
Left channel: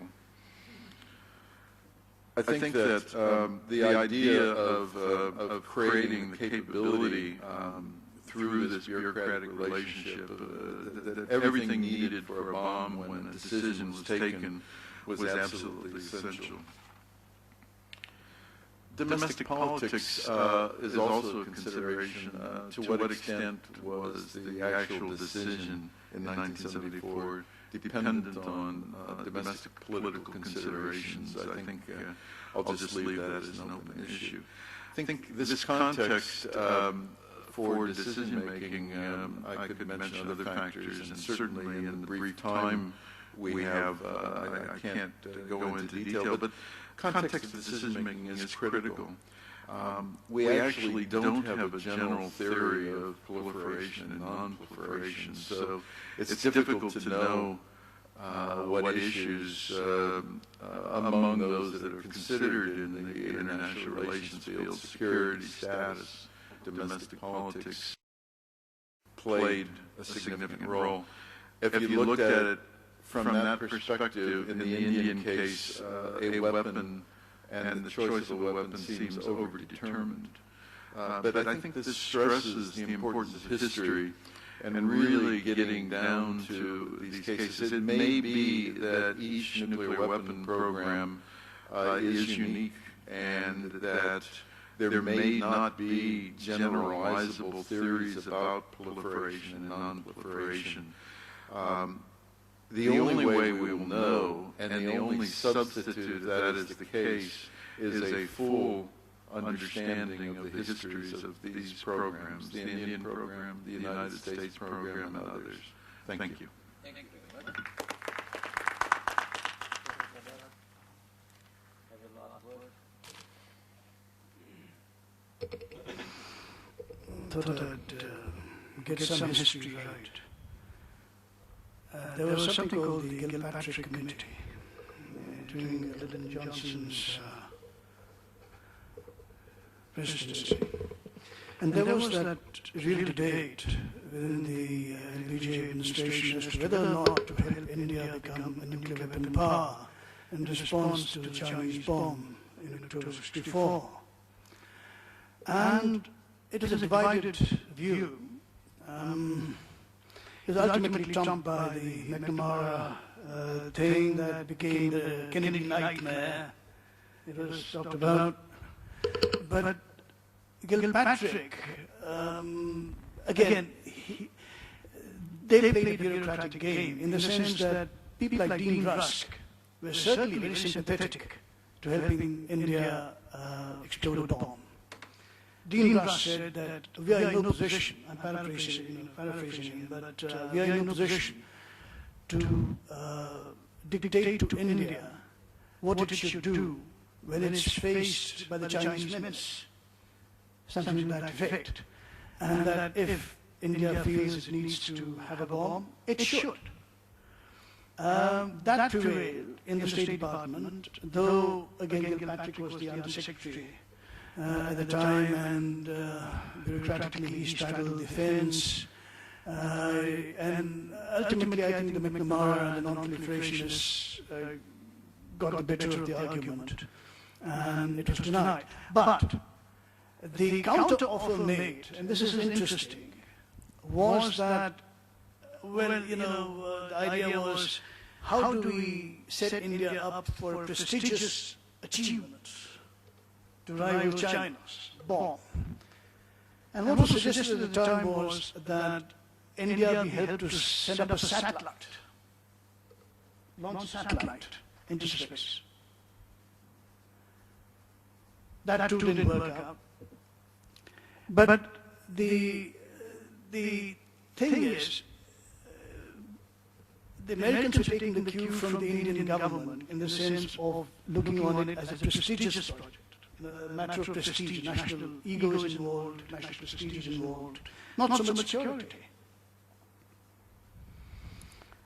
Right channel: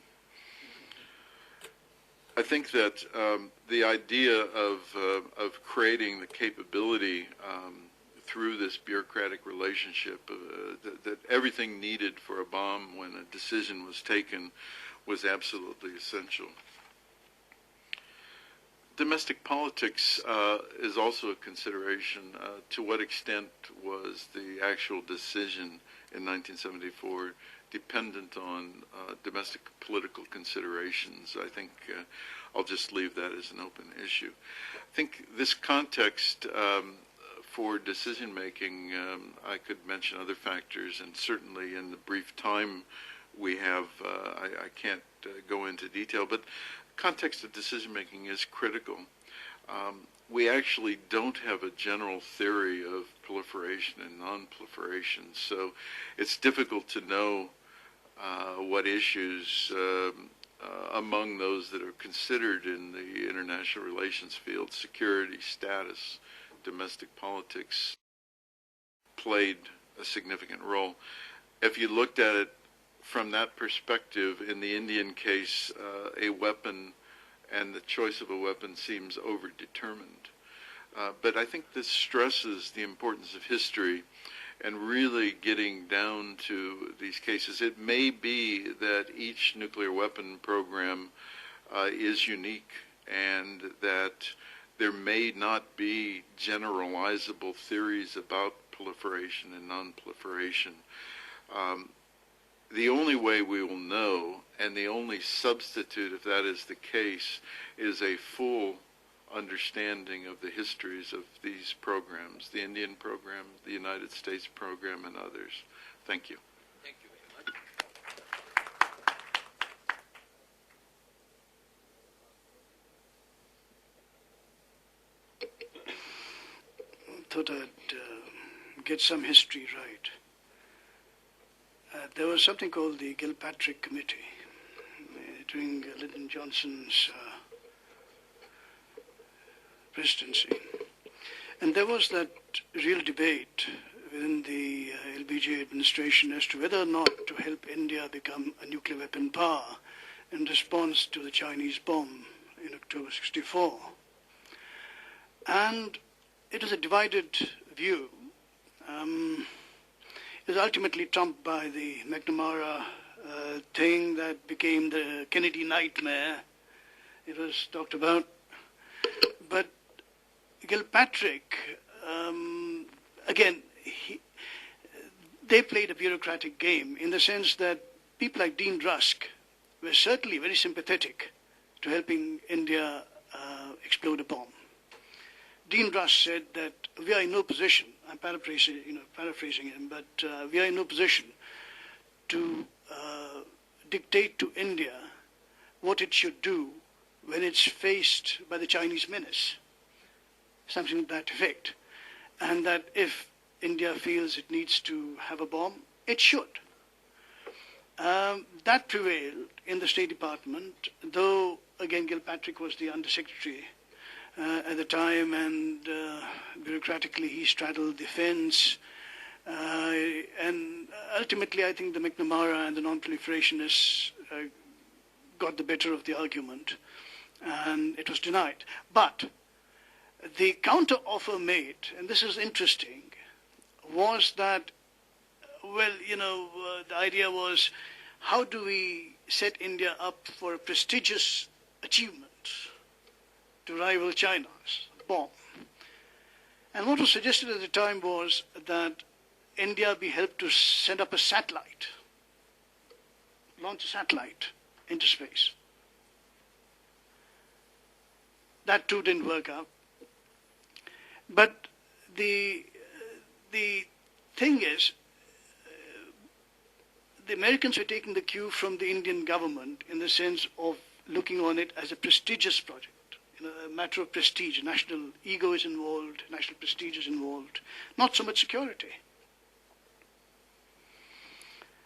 I think that the idea of creating capability through this bureaucratic relationship, that everything needed for a bomb when a decision was taken was absolutely essential. Domestic politics is also a consideration. To what extent was the actual decision in 1974 dependent on domestic political considerations? I think I'll just leave that as an open issue. I think this context for decision-making, I could mention other factors, and certainly in the brief time we have, I can't go into detail, but context of decision-making is critical. We actually don't have a general theory of proliferation and non-proliferation, so it's difficult to know what issues among those that are considered in the international relations field, security, status, domestic politics, played a significant role. If you looked at it from that perspective, in the Indian case, a weapon and the choice of a weapon seems overdetermined. But I think this stresses the importance of history and really getting down to these cases. It may be that each nuclear weapon program is unique and that there may not be generalizable theories about proliferation and non-proliferation. The only way we will know, and the only substitute if that is the case, is a full understanding of the histories of these programs, the Indian program, the United States program, and others. Thank you. Thank you very much. Thought I'd get some history right. There was something called the Gilpatrick Committee during Lyndon Johnson's presidency. And there was that real debate within the LBJ administration as to whether or not to help India become a nuclear weapon power in response to the Chinese bomb in October '64. And it was a divided view. It was ultimately trumped by the McNamara thing that became the Kennedy nightmare. It was talked about. But Gilpatrick, again, they played a bureaucratic game in the sense that people like Dean Rusk were certainly very sympathetic to helping India explode a bomb. Dean Rusk said that we are in no position, I'm paraphrasing him, but we are in no position to dictate to India what it should do when it's faced by the Chinese menace, something to that effect, and that if India feels it needs to have a bomb, it should. That prevailed in the State Department, though again Gilpatrick was the Undersecretary at the time, and bureaucratically he straddled the fence. And ultimately I think the McNamara and the Non-Proliferationists got the better of the argument, and it was denied. But the counter-offer made, and this is interesting, was that, well, the idea was, how do we set India up for a prestigious achievement to rival China's bomb? And what was suggested at the time was that India be helped to send up a satellite, launch a satellite into space. That too didn't work out. But the thing is, the Americans were taking the cue from the Indian government in the sense of looking on it as a prestigious project, a matter of prestige. National ego is involved, national prestige is involved, not so much security.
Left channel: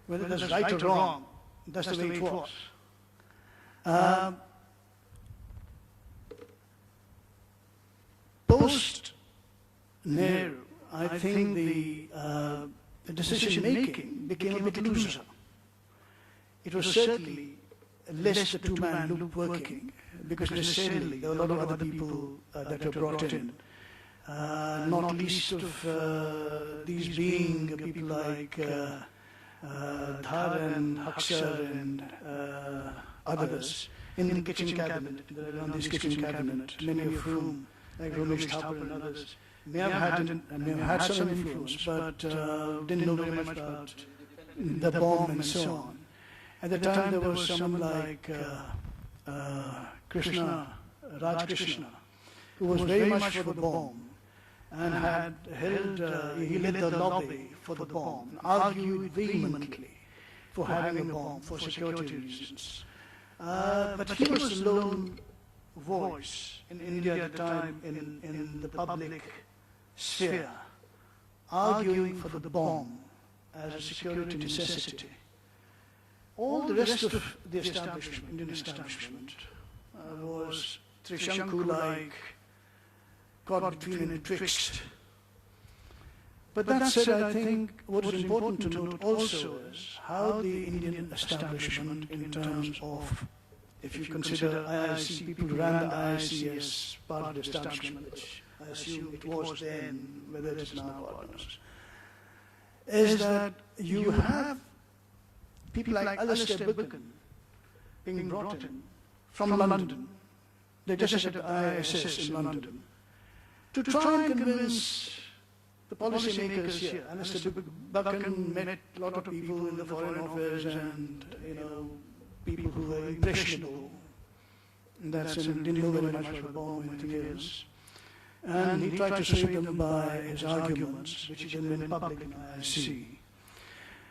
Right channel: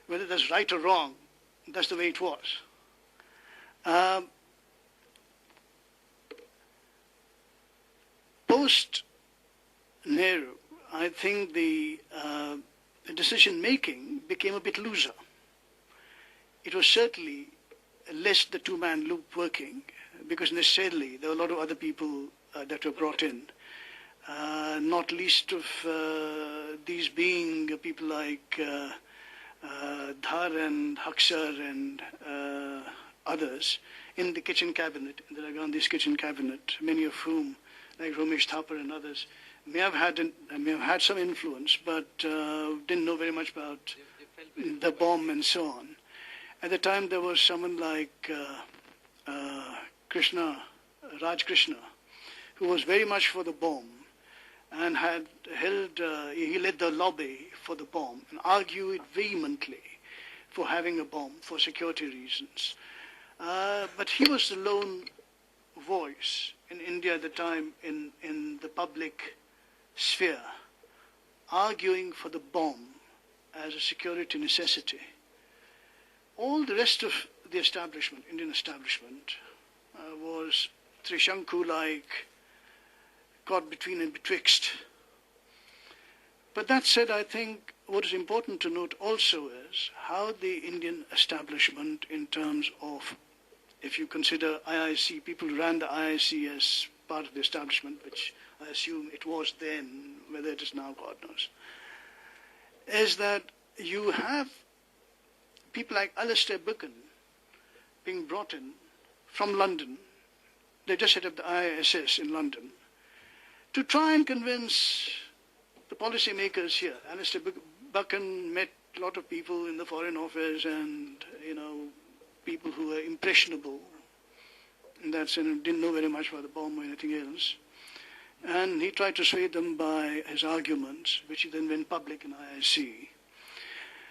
Whether that's right or wrong, that's the way it was. Post-Nehru, I think the decision-making became a bit looser. It was certainly less the two-man loop working, because necessarily there were a lot of other people that were brought in, not least of these being people like Dhar and Haksar and others in the kitchen cabinet, in the Gandhi's kitchen cabinet, many of whom, like Ramesh Thapar and others, may have had some influence, but didn't know very much about the bomb and so on. At the time, there was someone like Raj Krishna, who was very much for the bomb and had held, he led the lobby for the bomb and argued vehemently for having a bomb for security reasons. But he was the lone voice in India at the time in the public sphere, arguing for the bomb as a security necessity. All the rest of the establishment, Indian establishment, was Trishanku-like, caught between and betwixt. But that said, I think what is important to note also is how the Indian establishment, in terms of, if you consider IIC, people who ran the IIC as part of the establishment, which I assume it was then, whether it is now, God knows, is that you have people like Alastair Buchan being brought in from London. They just set up the IISS in London to try and convince the policymakers here. Alastair Buchan met a lot of people in the Foreign Office and, people who were impressionable. And that's didn't know very much about the bomb or anything else. And he tried to sway them by his arguments, which he then went public in IIC.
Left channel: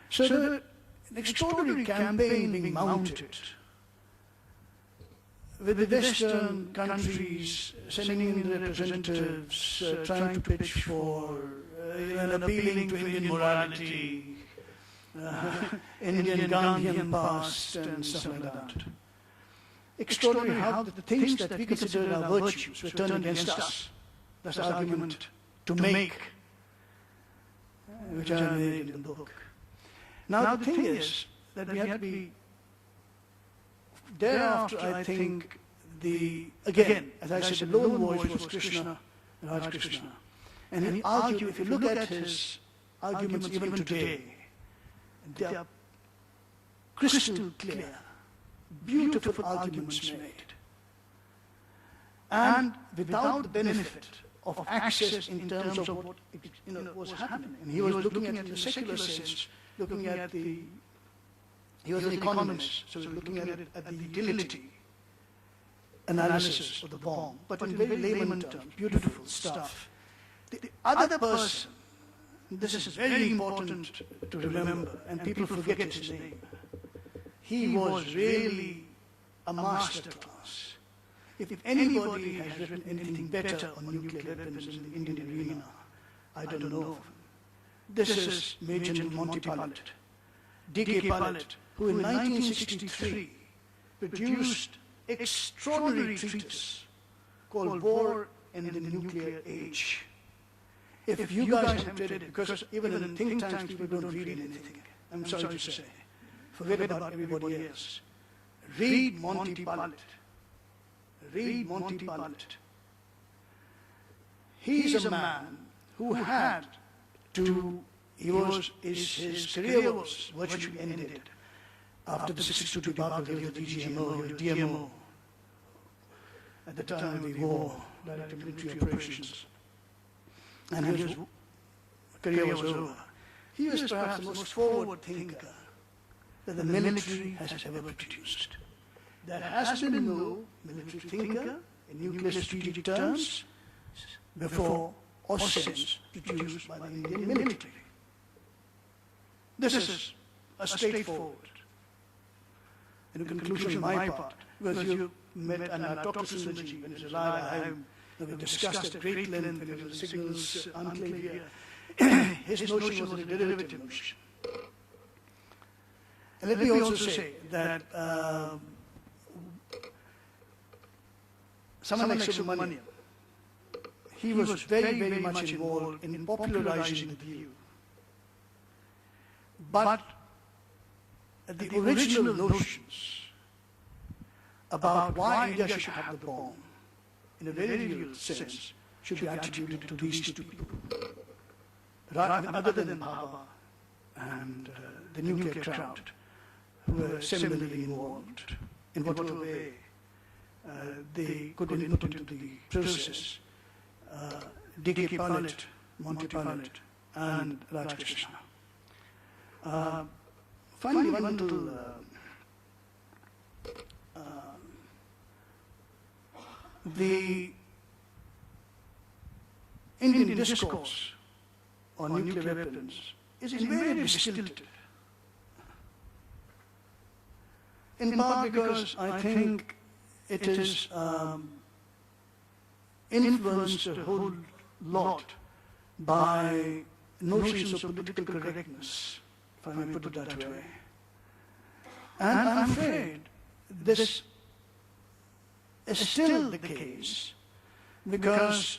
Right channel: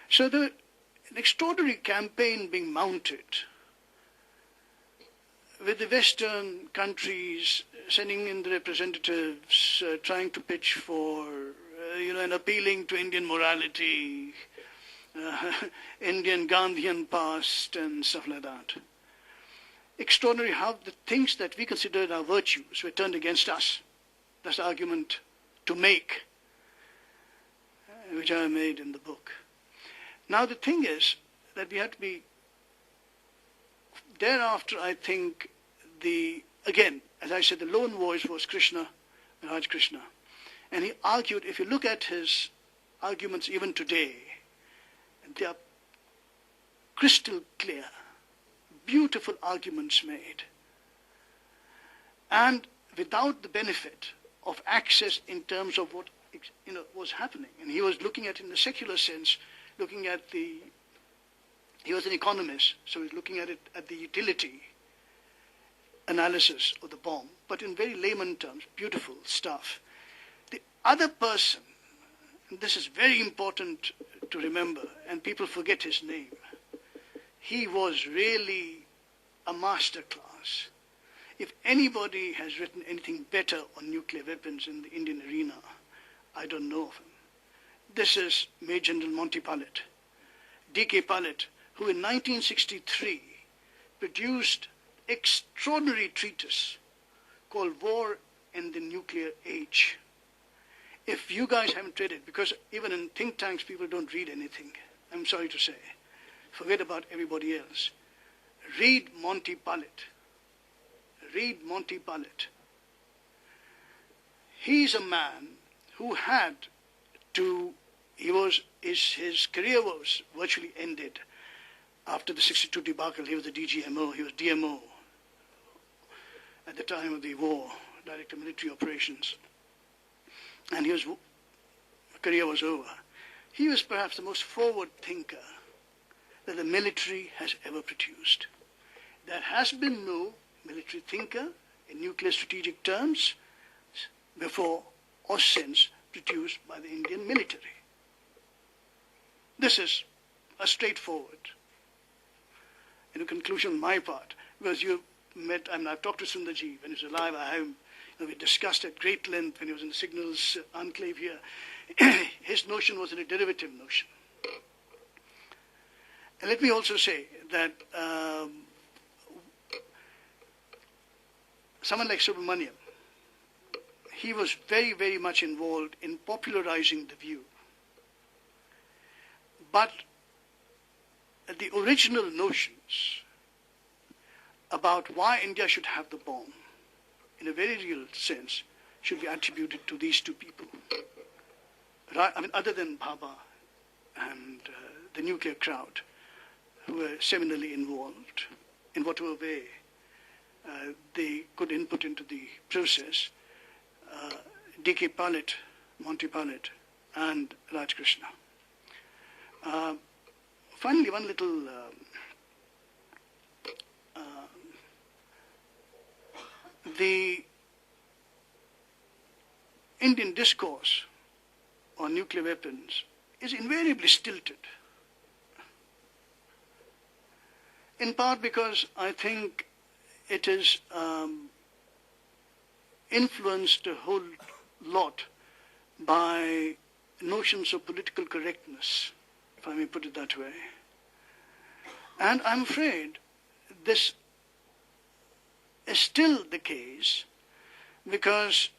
So an extraordinary campaign being mounted with the Western countries sending in the representatives, trying to pitch for, and appealing to Indian morality, Indian Gandhian past and stuff like that. Extraordinary how the things that we considered our virtues were turned against us. That's the argument to make, which I made in the book. Now the thing is that we had to be, thereafter I think again, as I said, the lone voice was Raj Krishna. And he argued, if you look at his arguments even today, they are crystal clear, beautiful arguments made, and without the benefit of access in terms of what was happening. And he was looking at it in the secular sense, looking at he was an economist, so he was looking at it at the utility analysis of the bomb, but in very layman terms, beautiful stuff. The other person, this is very important to remember, and people forget his name, he was really a masterclass. If anybody has written anything better on nuclear weapons in the Indian arena, I don't know of him. This is Major General Monty Pilat, D.K. Pilat, who in 1963 produced extraordinary treatise called War in the Nuclear Age. If you guys haven't read it, because even in think tanks people don't read anything, I'm sorry to say, forget about everybody else. Read Monty Pilat. Read Monty Pilat. He's a man who had to, his career was virtually ended. After the 62 debacle, he was the DGMO, he was DMO at the time of the war, Director of Military Operations. And his career was over. He was perhaps the most forward thinker that the military has ever produced. There has been no military thinker in nuclear strategic terms before or since produced by the Indian military. This is a straightforward conclusion on my part, because you met, and I talked to Sundarji when he was alive. We discussed at great length when he was in the Signals Enclave here. His notion was a derivative notion. And let me also say that someone like Subramanian, he was very, very much involved in popularizing the view. But the original notions about why India should have the bomb, in a very real sense, should be attributed to these two people. Other than Baba and the nuclear crowd, who were similarly involved in whatever way they could input into the process. D.K. Pilat, Monty Pilat, and Raj Krishna. Finally, one little the Indian discourse on nuclear weapons is invariably stilted. In part because I think it is influenced a whole lot by notions of political correctness, if I may put it that way. And I'm afraid this is still the case, because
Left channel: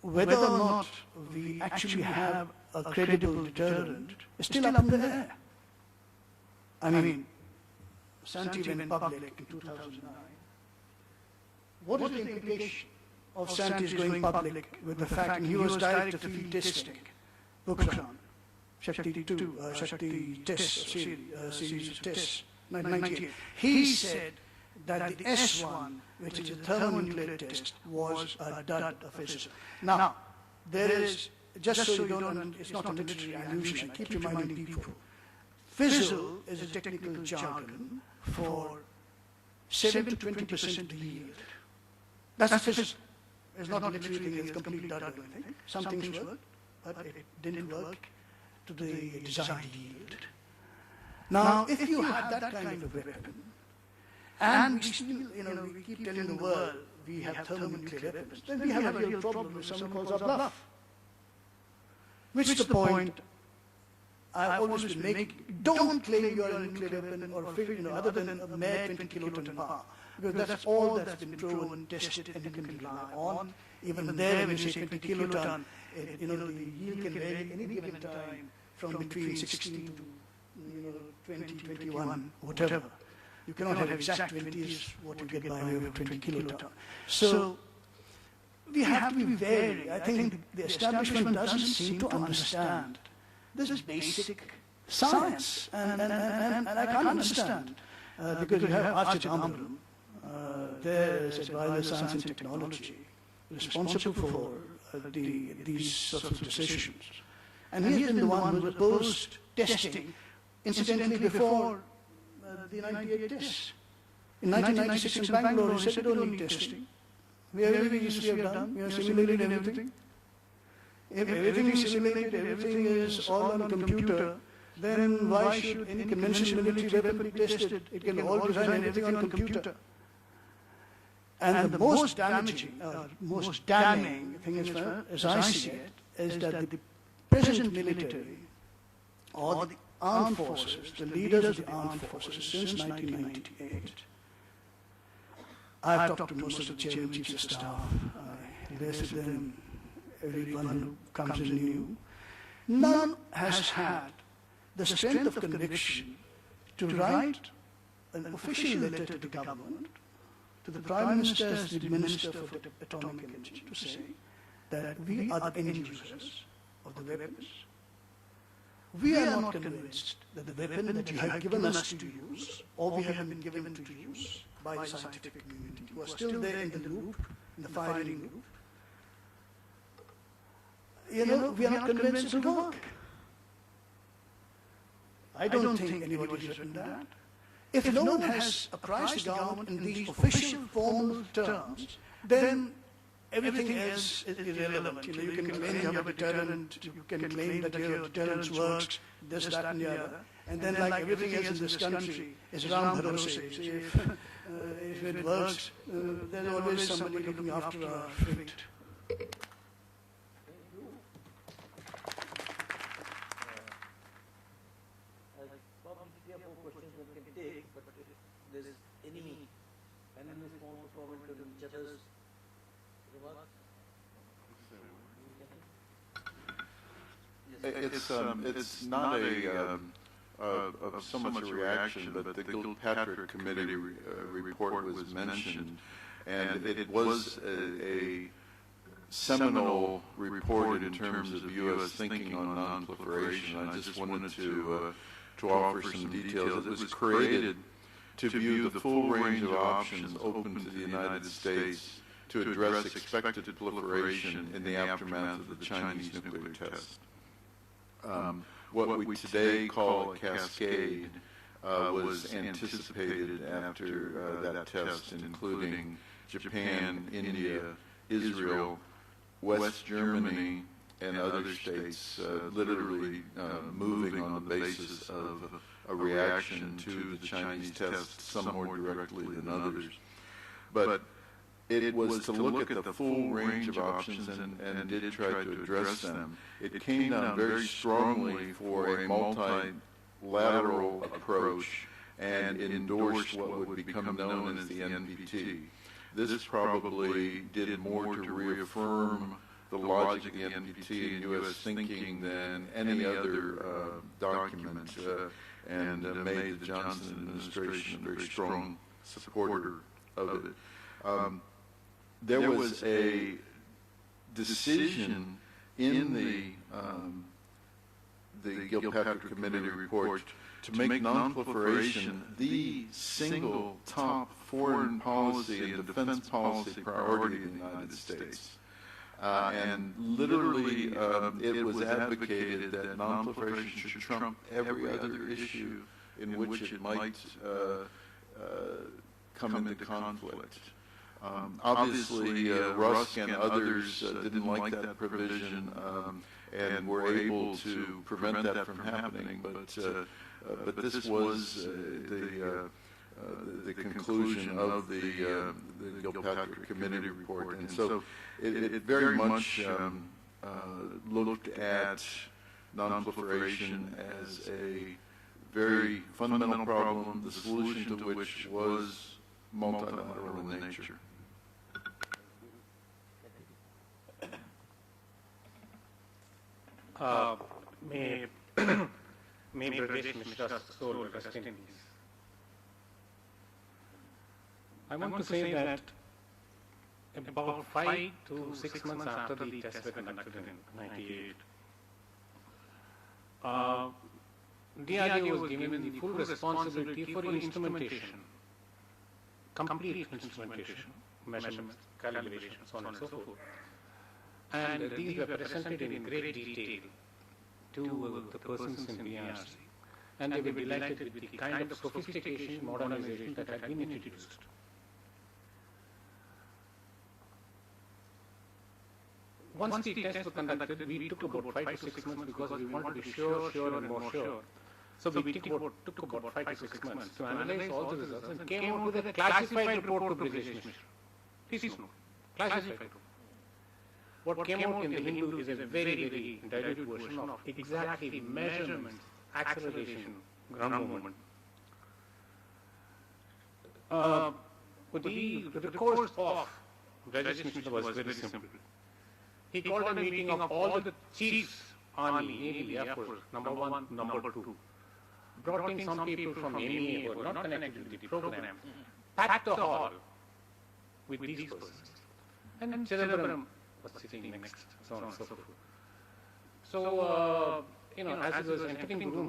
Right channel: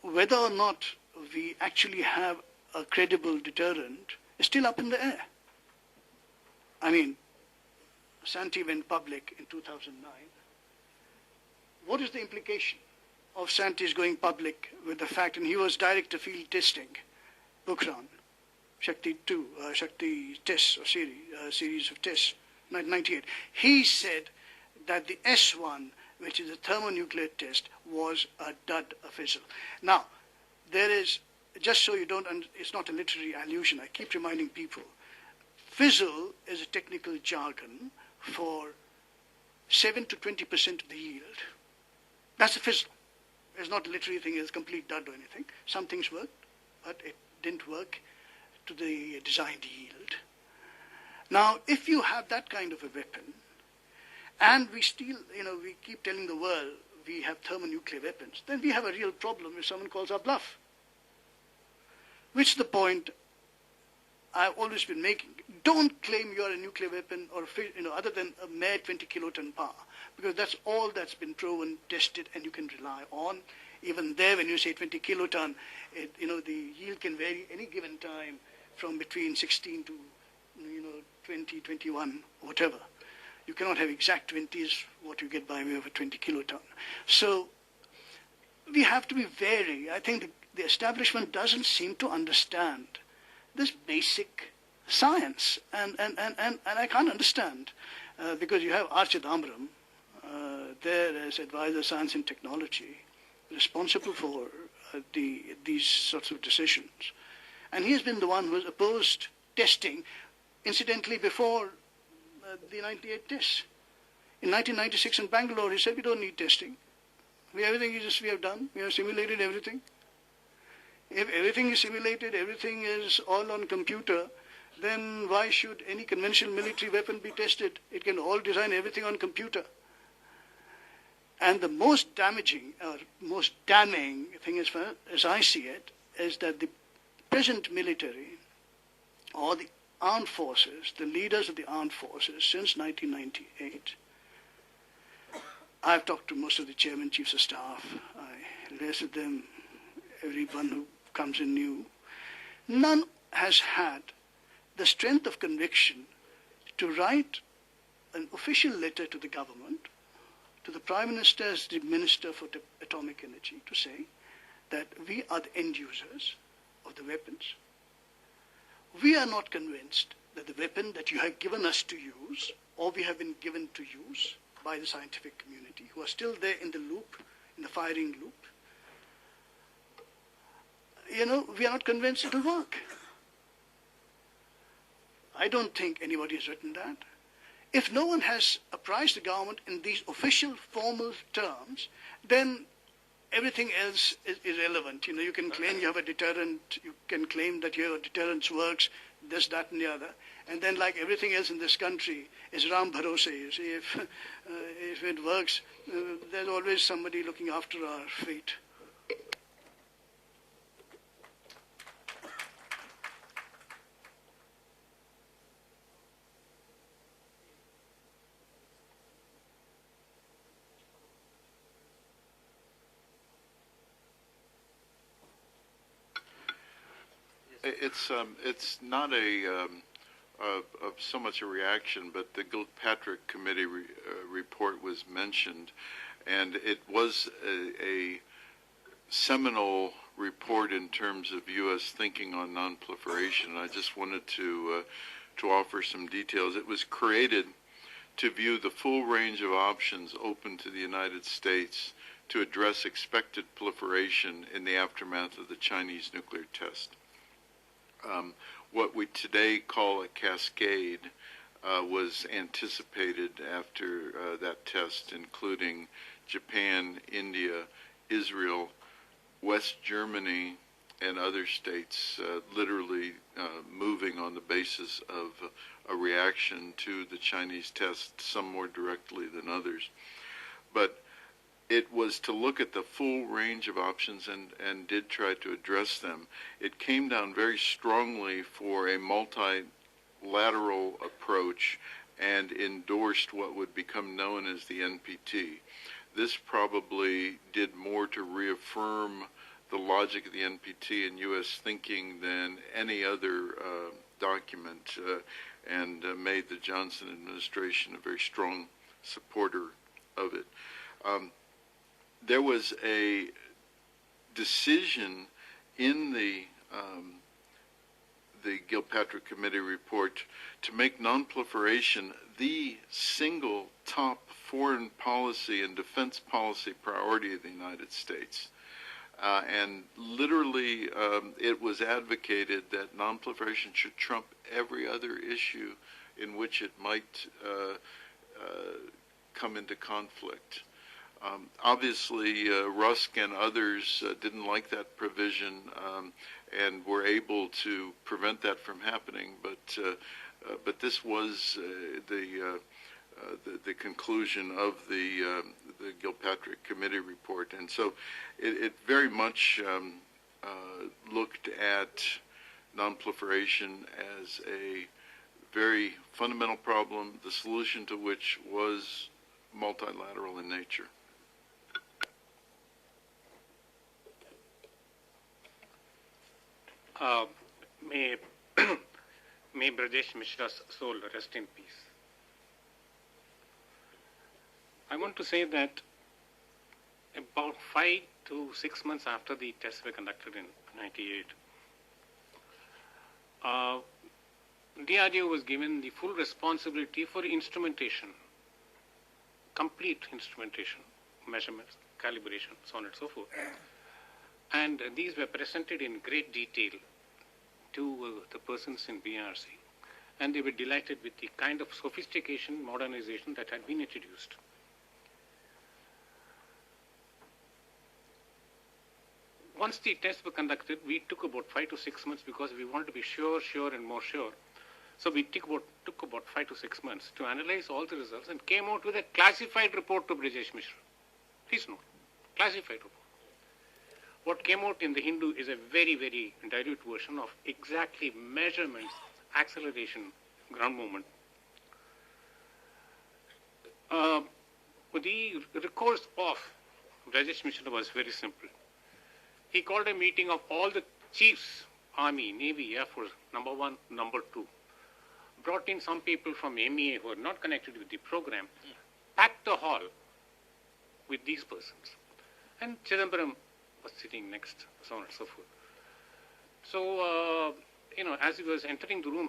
whether or not we actually have a credible deterrent is still up in the air. I mean, Santi went public in 2009. What is the implication of Santi's going public with the fact, and he was director of field testing, Bukran, Shakti 2, Shakti tests, series of tests, 1998. He said that the S1, which is a thermonuclear test, was a dud of fizzle. Now, there is, just so you don't, it's not a literary allusion, I keep reminding people, fizzle is a technical jargon for 7 to 20% of the yield. That's a fizzle. It's not a literary thing, it's a complete dud or anything. Some things worked, but it didn't work to the desired yield. Now, if you had that kind of a weapon, and we still, we keep telling the world we have thermonuclear weapons, then we have a real problem if someone calls our bluff. Which is the point I've always been making. Don't claim you are a nuclear weapon or other than a mere 20 kiloton power, because that's all that's been proven, tested, and you can rely on. Even there, when you say 20 kiloton, the yield can vary any given time from between 16 to 20, 21, whatever. You cannot have exact 20s what you get by way of a 20 kiloton. So we have to be wary. I think the establishment doesn't seem to understand this basic science. And I can't understand, because you have Archidambaram there as advisor science and technology, responsible for these sorts of decisions. And he's been the one who opposed testing, incidentally, before the 98 tests. In 1996 in Bangalore, he said we don't need testing. Everything we have done, we have simulated everything. If everything is simulated, everything is all on computer, then why should any conventional military weapon be tested? It can all design everything on computer. And the most damaging, most damning thing as I see it, is that the present military, or the armed forces, the leaders of the armed forces since 1998, I've talked to most of the chairman chiefs of staff, I liaise with them, everyone who comes in new. None has had the strength of conviction to write an official letter to the government, to the Prime Minister as the Minister for Atomic Energy, to say that we are the end users of the weapons. We are not convinced that the weapon that you have given us to use, or we have been given to use by the scientific community, who are still there in the loop, in the firing loop, we are not convinced it will work. I don't think anybody has written that. If no one has apprised the government in these official, formal terms, then everything else is irrelevant. You can claim you have a deterrent, you can claim that your deterrence works, this, that, and the other. And then, like everything else in this country, is Ram Bharose. If it works, there's always somebody looking after our fate. It's not so much a reaction, but the Gilpatrick Committee report was mentioned, and it was a seminal report in terms of U.S. thinking on non-proliferation. I just wanted to offer some details. It was created to view the full range of options open to the United States to address expected proliferation in the aftermath of the Chinese nuclear test. What we today call a cascade was anticipated after that test, including Japan, India, Israel, West Germany, and other states literally moving on the basis of a reaction to the Chinese test, some more directly than others. But it was to look at the full range of options and did try to address them. It came down very strongly for a multilateral approach and endorsed what would become known as the NPT. This probably did more to reaffirm the logic of the NPT and U.S. thinking than any other document, and made the Johnson administration a very strong supporter of it. There was a decision in the Gilpatrick Committee report to make non-proliferation the single top foreign policy and defense policy priority of the United States. And literally, it was advocated that non-proliferation should trump every other issue in which it might come into conflict. Obviously, Rusk and others didn't like that provision and were able to prevent that from happening. But this was the conclusion of the Gilpatrick Committee report, and so it very much looked at non-proliferation as a very fundamental problem, the solution to which was multilateral in nature. May Brajesh Mishra's soul rest in peace. I want to say that about 5 to 6 months after the tests were conducted in 98, DRDO was given the full responsibility for instrumentation, complete instrumentation, measurements, calibration, so on and so forth. And these were presented in great detail to the persons in BRC. And they were delighted with the kind of sophistication, modernization that had been introduced. Once the tests were conducted, we took about 5 to 6 months because we wanted to be sure and more sure. So we took about 5 to 6 months to analyze all the results and came out with a classified report to British Mission. Please know, classified report. What came out in the Hindu is a very, very dilute version of exactly measurements, acceleration, ground movement. The recourse of British Mission was very simple. He called a meeting of all the chiefs, Army, Navy, Air Force, number 1, number 2, brought in some people from MEA who were not connected with the program, packed the hall with these persons. And Chidambaram was sitting next, so on and so forth. So, as he was entering the room,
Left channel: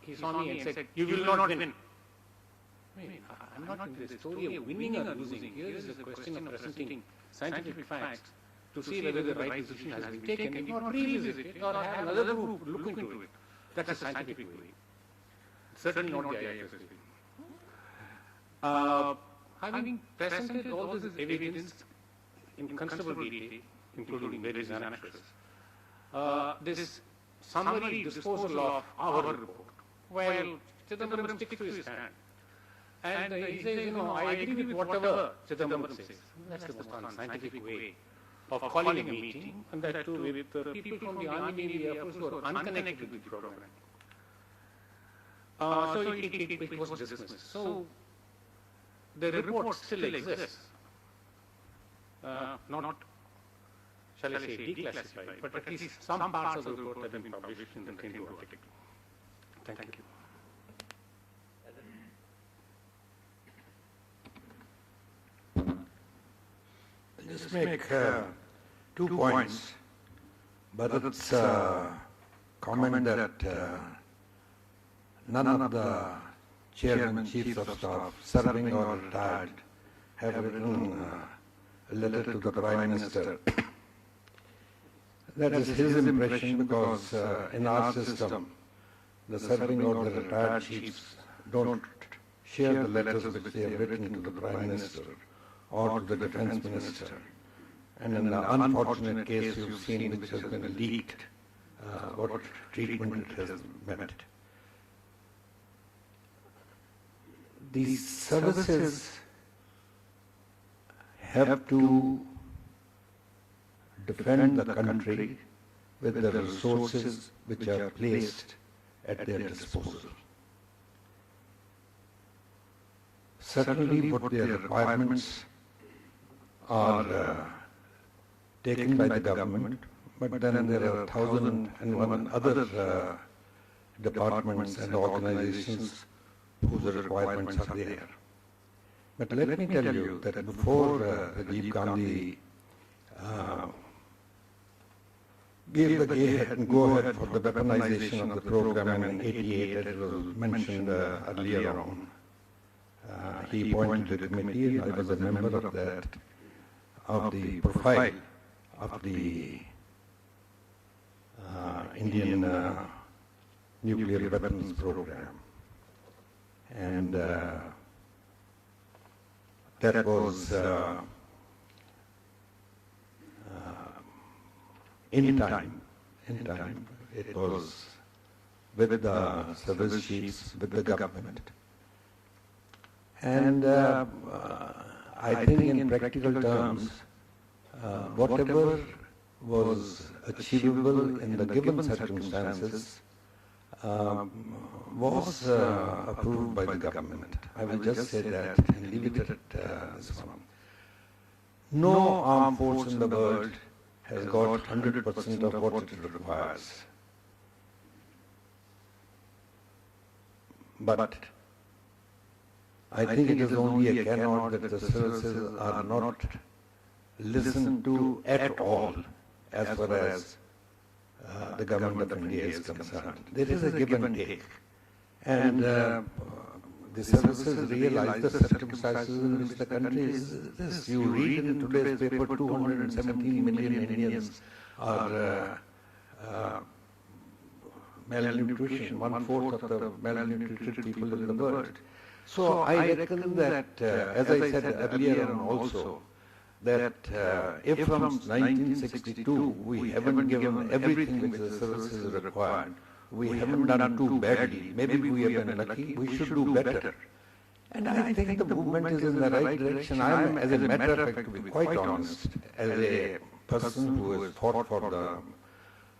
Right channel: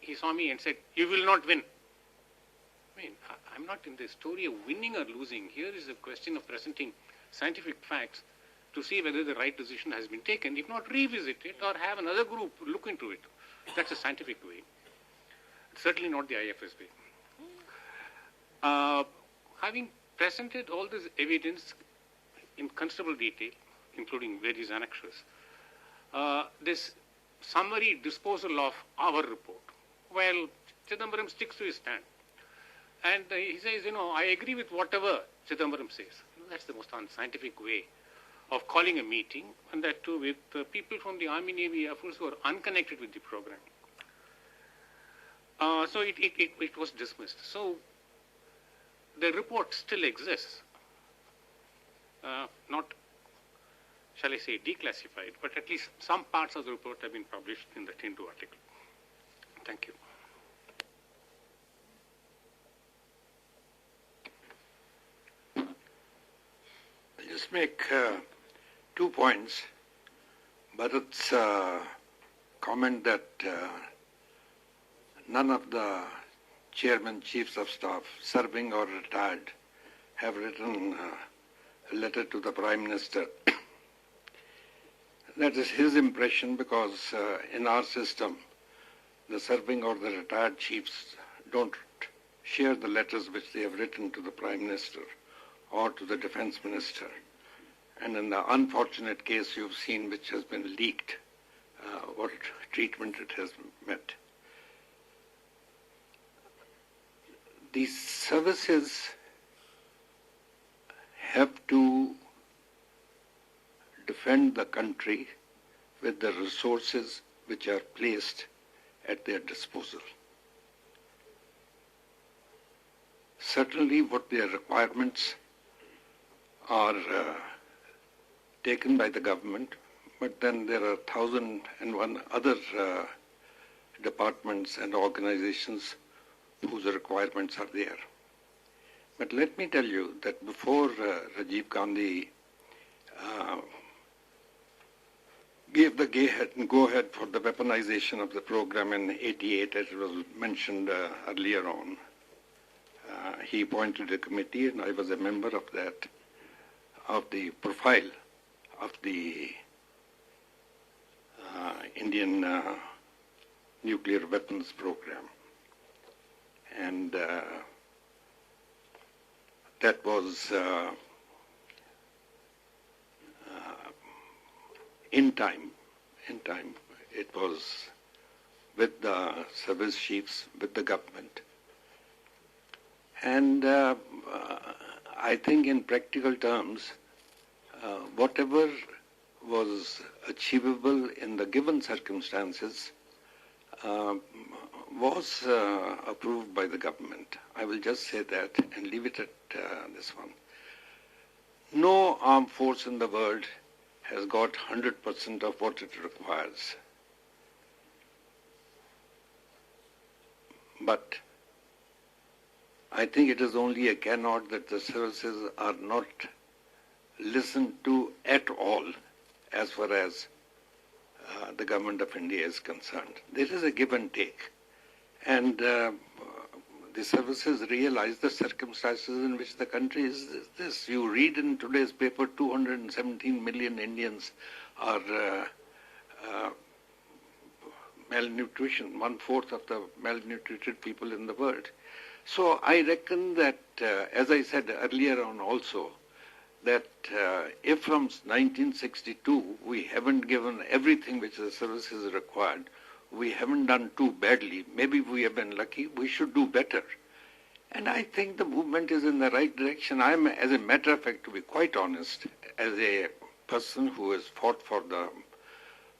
he saw me and said, "You will not win." I mean, I'm not in the story of winning or losing. Here is a question of presenting scientific facts to see whether the right decision has been taken, if not revisit it or have another group look into it. That's a scientific way. Certainly not the IIT's way. Having presented all this evidence in considerable detail, including various annexures, this summary disposal of our report, well, Chidambaram sticks to his hand. And he says, I agree with whatever Chidambaram says. That's the most unscientific way of calling a meeting, and that too with people from the Army, Navy, Air Force who are unconnected with the program. So it was dismissed. So the report still exists. Not, shall I say, declassified, but at least some parts of the report have been published in the Hindu article. Thank you. I'll just make 2 points. Bharat's comment that none of the chairmen, chiefs of staff, serving or retired, have written a letter to the Prime Minister. That is his impression because in our system, the serving or the retired chiefs don't share the letters which they have written to the Prime Minister or to the Defence Minister. And in the unfortunate case you've seen which has been leaked, what treatment it has met. These services have to defend the country with the resources which are placed at their disposal. Certainly what their requirements are taken by the government, but then there are 1,001 other departments and organizations whose requirements are there. But let me tell you that before Rajiv Gandhi gave the go-ahead for the weaponization of the program in '88, as was mentioned earlier on, he appointed a committee, and I was a member of that, of the profile of the Indian nuclear weapons program. And that was in time. It was with the service chiefs, with the government. And I think in practical terms, whatever was achievable in the given circumstances was approved by the government. I will just say that and leave it at this one. No armed force in the world has got 100% of what it requires. But I think it is only a cannot that the services are not listened to at all as far as the government of India is concerned. There is a give and take. And the services realize the circumstances in which the country is this. You read in today's paper 217 million Indians are malnutrition, 1/4 of the malnutrited people in the world. So I reckon that, as I said earlier on also, that if from 1962 we haven't given everything which the services required, we haven't done too badly. Maybe we have been lucky, we should do better. And I think the movement is in the right direction. I am, as a matter of fact, to be quite honest, as a person who has fought for the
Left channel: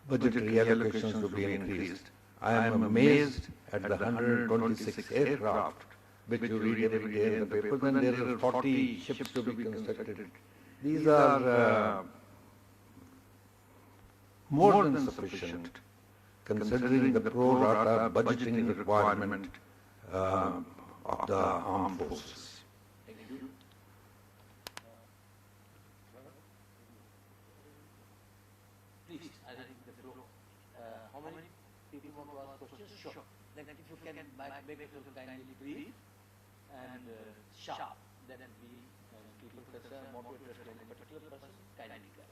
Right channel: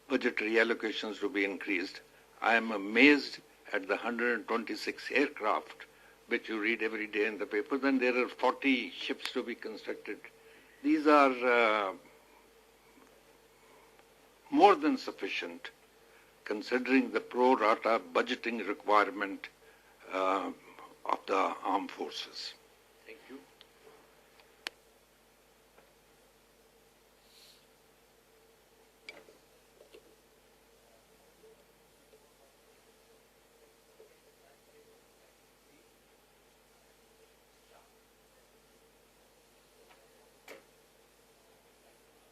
budgetary allocations to be increased, I am amazed at the 126 aircraft which you read every day in the papers, and there are 40 ships to be constructed. These are more than sufficient, considering the pro rata budgeting requirement of the armed forces. Thank you. How many people want to ask questions? Sure. Then if you can make it kindly brief and sharp, then the people concerned moderate and any particular person kindly go.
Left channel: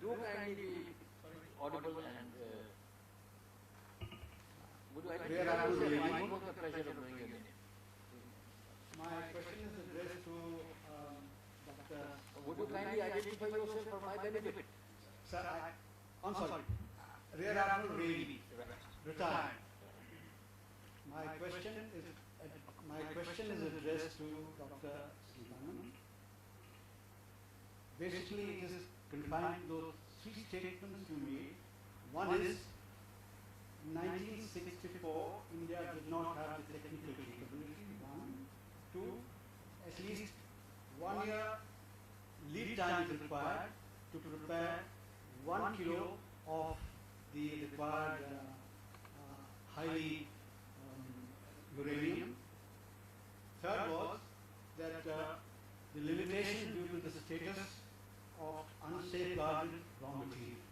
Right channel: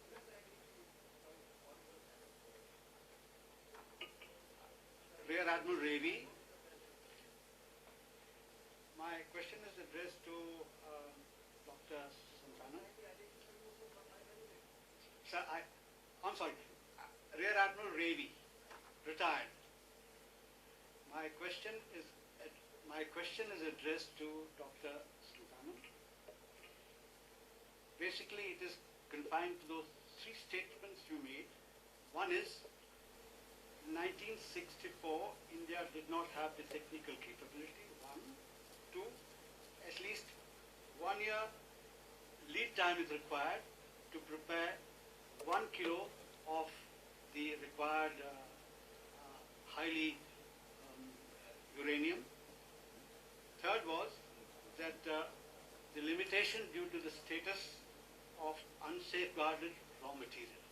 Do kindly be audible and would you like Rear Admiral Navy. the pleasure of doing it? My question is addressed to Dr. Would you kindly identify yourself for my benefit? Sir, I'm sorry. Rear Admiral Ravi, retired. My question is addressed to Dr. Santhanam. Basically, it is confined to those three statements you made. One is, in 1964, India did not have the technical capability. One. Two, at least 1 year lead time is required to prepare 1 kilo of the required highly uranium. Third was that the limitation due to the status of unsafeguarded raw material.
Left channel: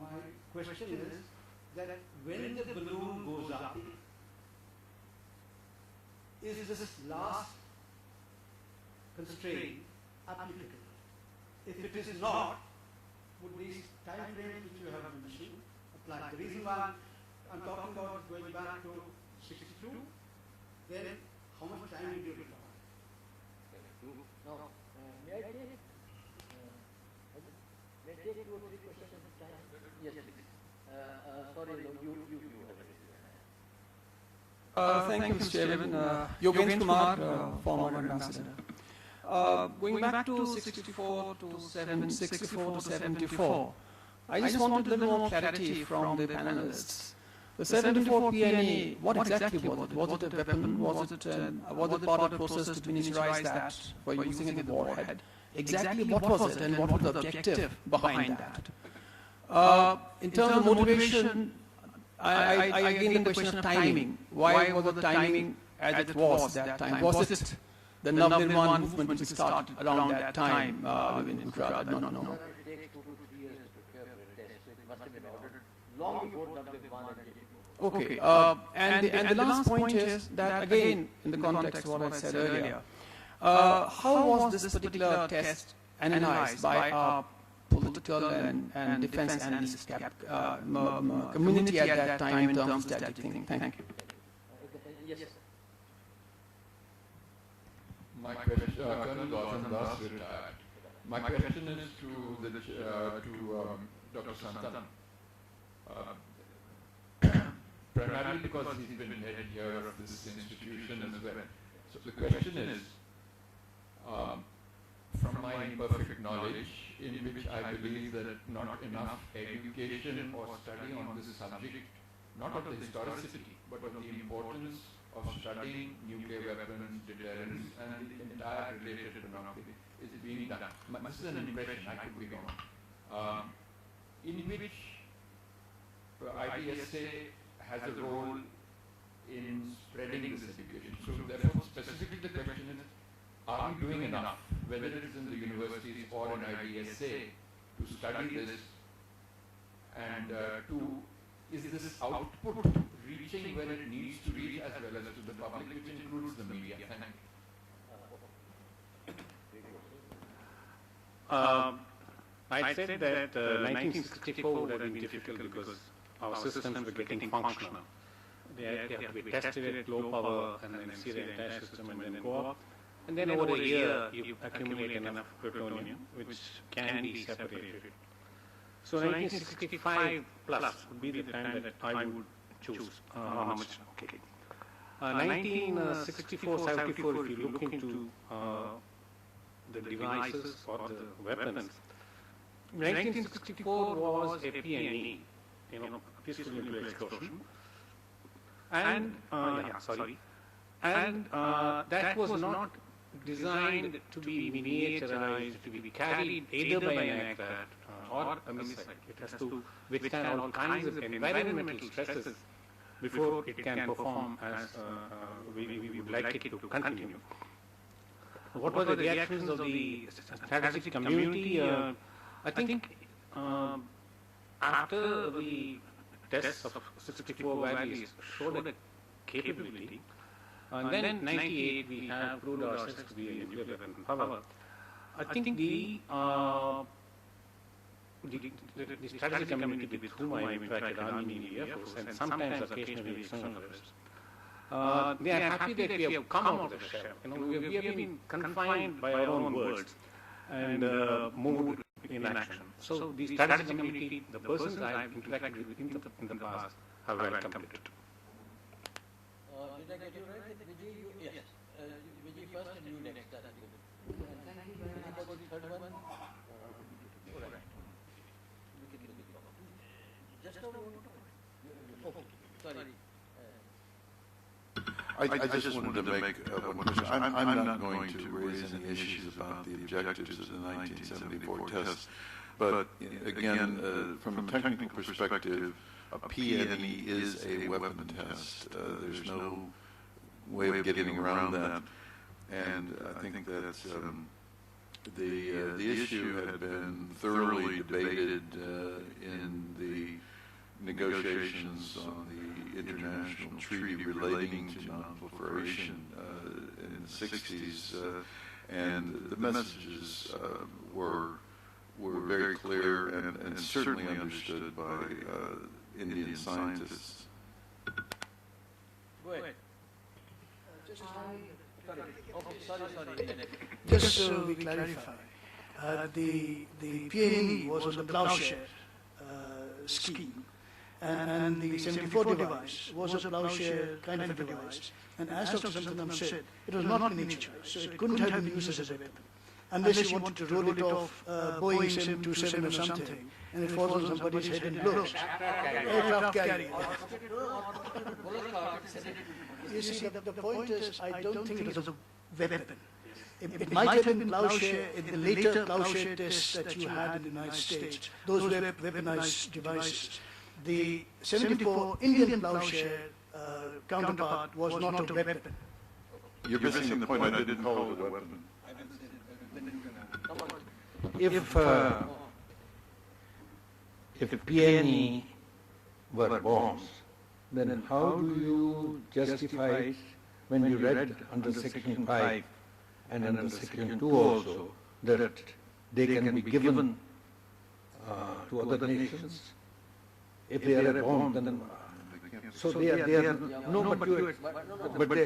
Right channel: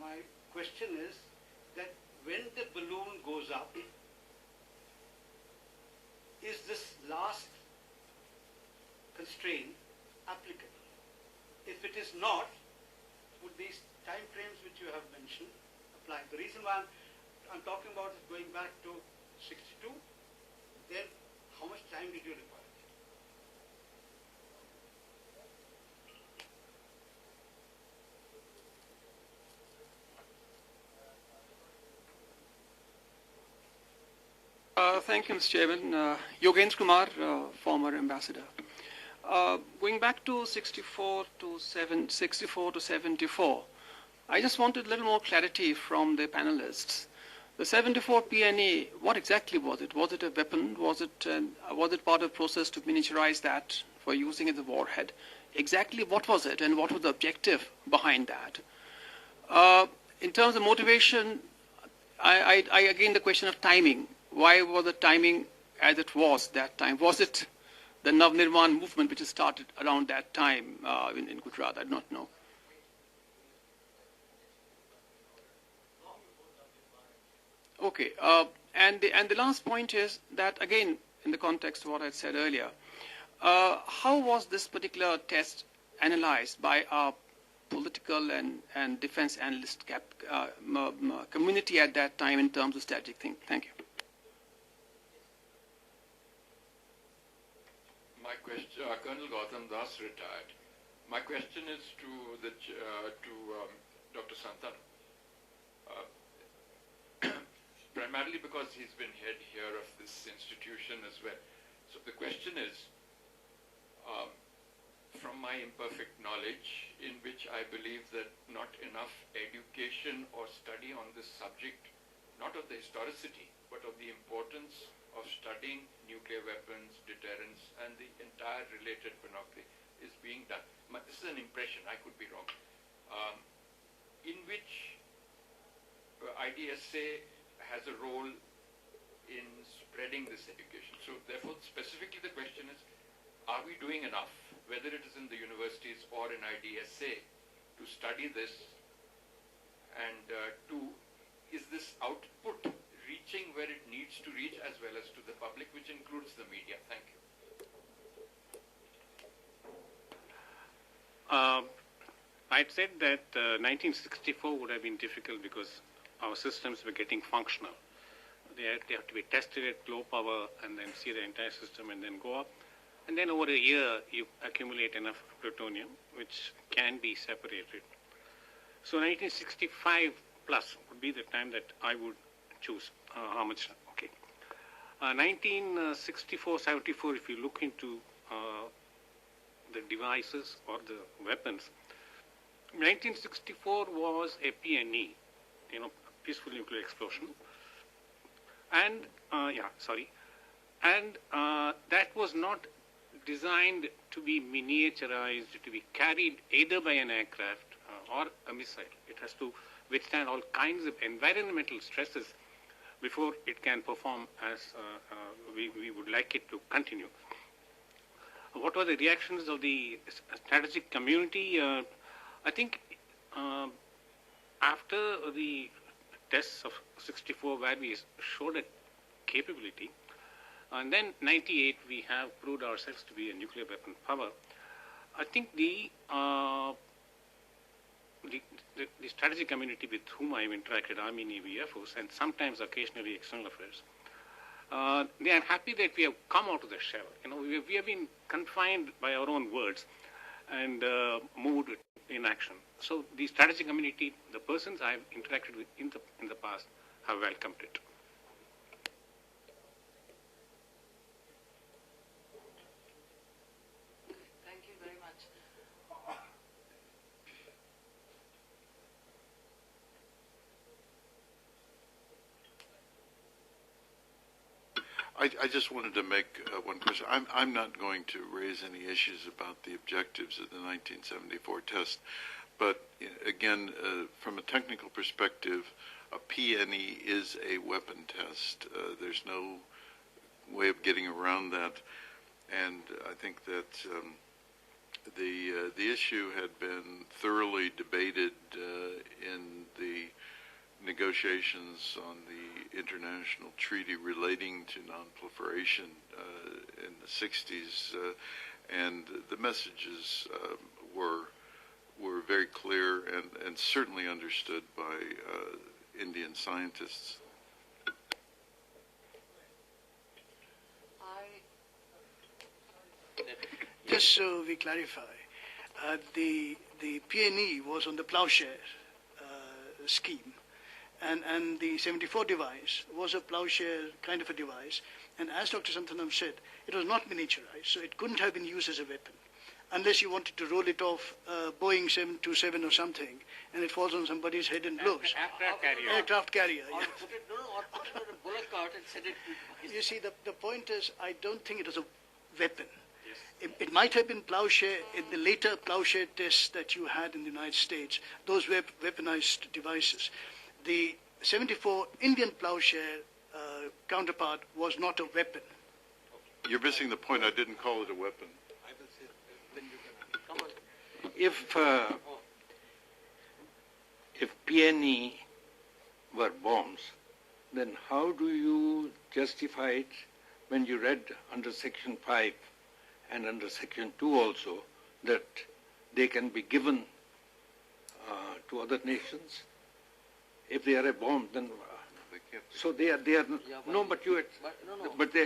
My question is that when the balloon goes up, is this last constraint applicable? If it is not, would these time frames which you have mentioned apply? The reason why I'm talking about is going back to 62, then how much time did you require? Now, may I take 2 or 3 questions at a time? Yes, please. Sorry, you Thank you, Mr. Chairman. Yogendra Kumar, former ambassador. Going back to 64 to 74, I just wanted a little more clarity from the panelists. The 74 PNA, what exactly was it? Was it a weapon? Was it part of the process to miniaturize that for using in the warhead? Exactly what was it, and what was the objective behind that? In terms of motivation, I again the question of timing. Why was the timing as it was that time? Was it the Navnirman movement which started around that time in Gujarat? I don't know. Okay, and the last point is that again in the context of what I said earlier, how was this particular test analyzed by our political and defense analyst community at that time in terms of strategic thinking? Thank you. My question, Colonel Gautam Das retired. My question is to Dr. Santhanam. Primarily because he's been head here of this institution as well. So the question is, from my imperfect knowledge, in which I believe that not enough education or study on this subject, not of the historicity, but of the importance of studying nuclear weapons, deterrence, and the entire related panoply is being done. This is an impression, I could be wrong, in which IDSA has a role in spreading this education. So therefore, specifically the question is, are we doing enough, whether it is in the universities or in IDSA, to study this And two, is this output reaching where it needs to reach as well as to the public, which includes the media? Thank you. I'd said that 1964 would have been difficult because our systems were getting functional. They have to be tested at low power and then see the entire system and then go up. And then over a year, you accumulate enough plutonium, which can be separated. So 1965 plus would be the time that I would choose. How much? Okay. 1964, 74, if you look into the devices or the weapons, 1964 was a PNE, peaceful nuclear explosion, and that was not designed to be miniaturized, to be carried either by an aircraft or a missile. It has to withstand all kinds of environmental stresses before it can perform as we would like it to continue. What were the reactions of the strategic community? I think after the tests of 64 where we showed a capability, and then 98 we have proved ourselves to be a nuclear weapon power. I think the strategic community with whom I interacted, Army, Navy, Air Force, and sometimes occasionally external affairs, they are happy that we have come out of the shell. We have been confined by our own words and moved in action. So the strategic community, the persons I have interacted with in the past, have welcomed it. Did I get you right? Vijay, yes. Vijay first and you next. Thank you very much. About the third one? Just now sorry. I just wanted to make one question. I'm not going to raise any issues about the objectives of the 1974 test, but again, from a technical perspective, a PNE is a weapon test. There's no way of getting around that, and I think that the issue had been thoroughly debated in the negotiations on the international treaty relating to non-proliferation in the 60s, and the messages were very clear and certainly understood by Indian scientists. Go ahead. Just so we clarify, the PNE was on the plowshare scheme, and the 74 device was a plowshare kind of a device. And as Dr. Santhanam said, it was not miniaturized, so it couldn't have been used as a weapon, unless you wanted to roll it off Boeing 727 or something, and it falls on somebody's head and blows. Aircraft carrier. You see, the point is, I don't think it was a weapon. It might have been plowshare in the later plowshare tests that you had in the United States. Those were weaponized devices. The 74 Indian plowshare counterpart was not a weapon. You're missing the point. I didn't call it a weapon. If PNE were bombs, then how do you justify it when you read under Section 5 and under Section 2 also that they can be given to other nations? If they are a bomb, then so they are no, but you, but they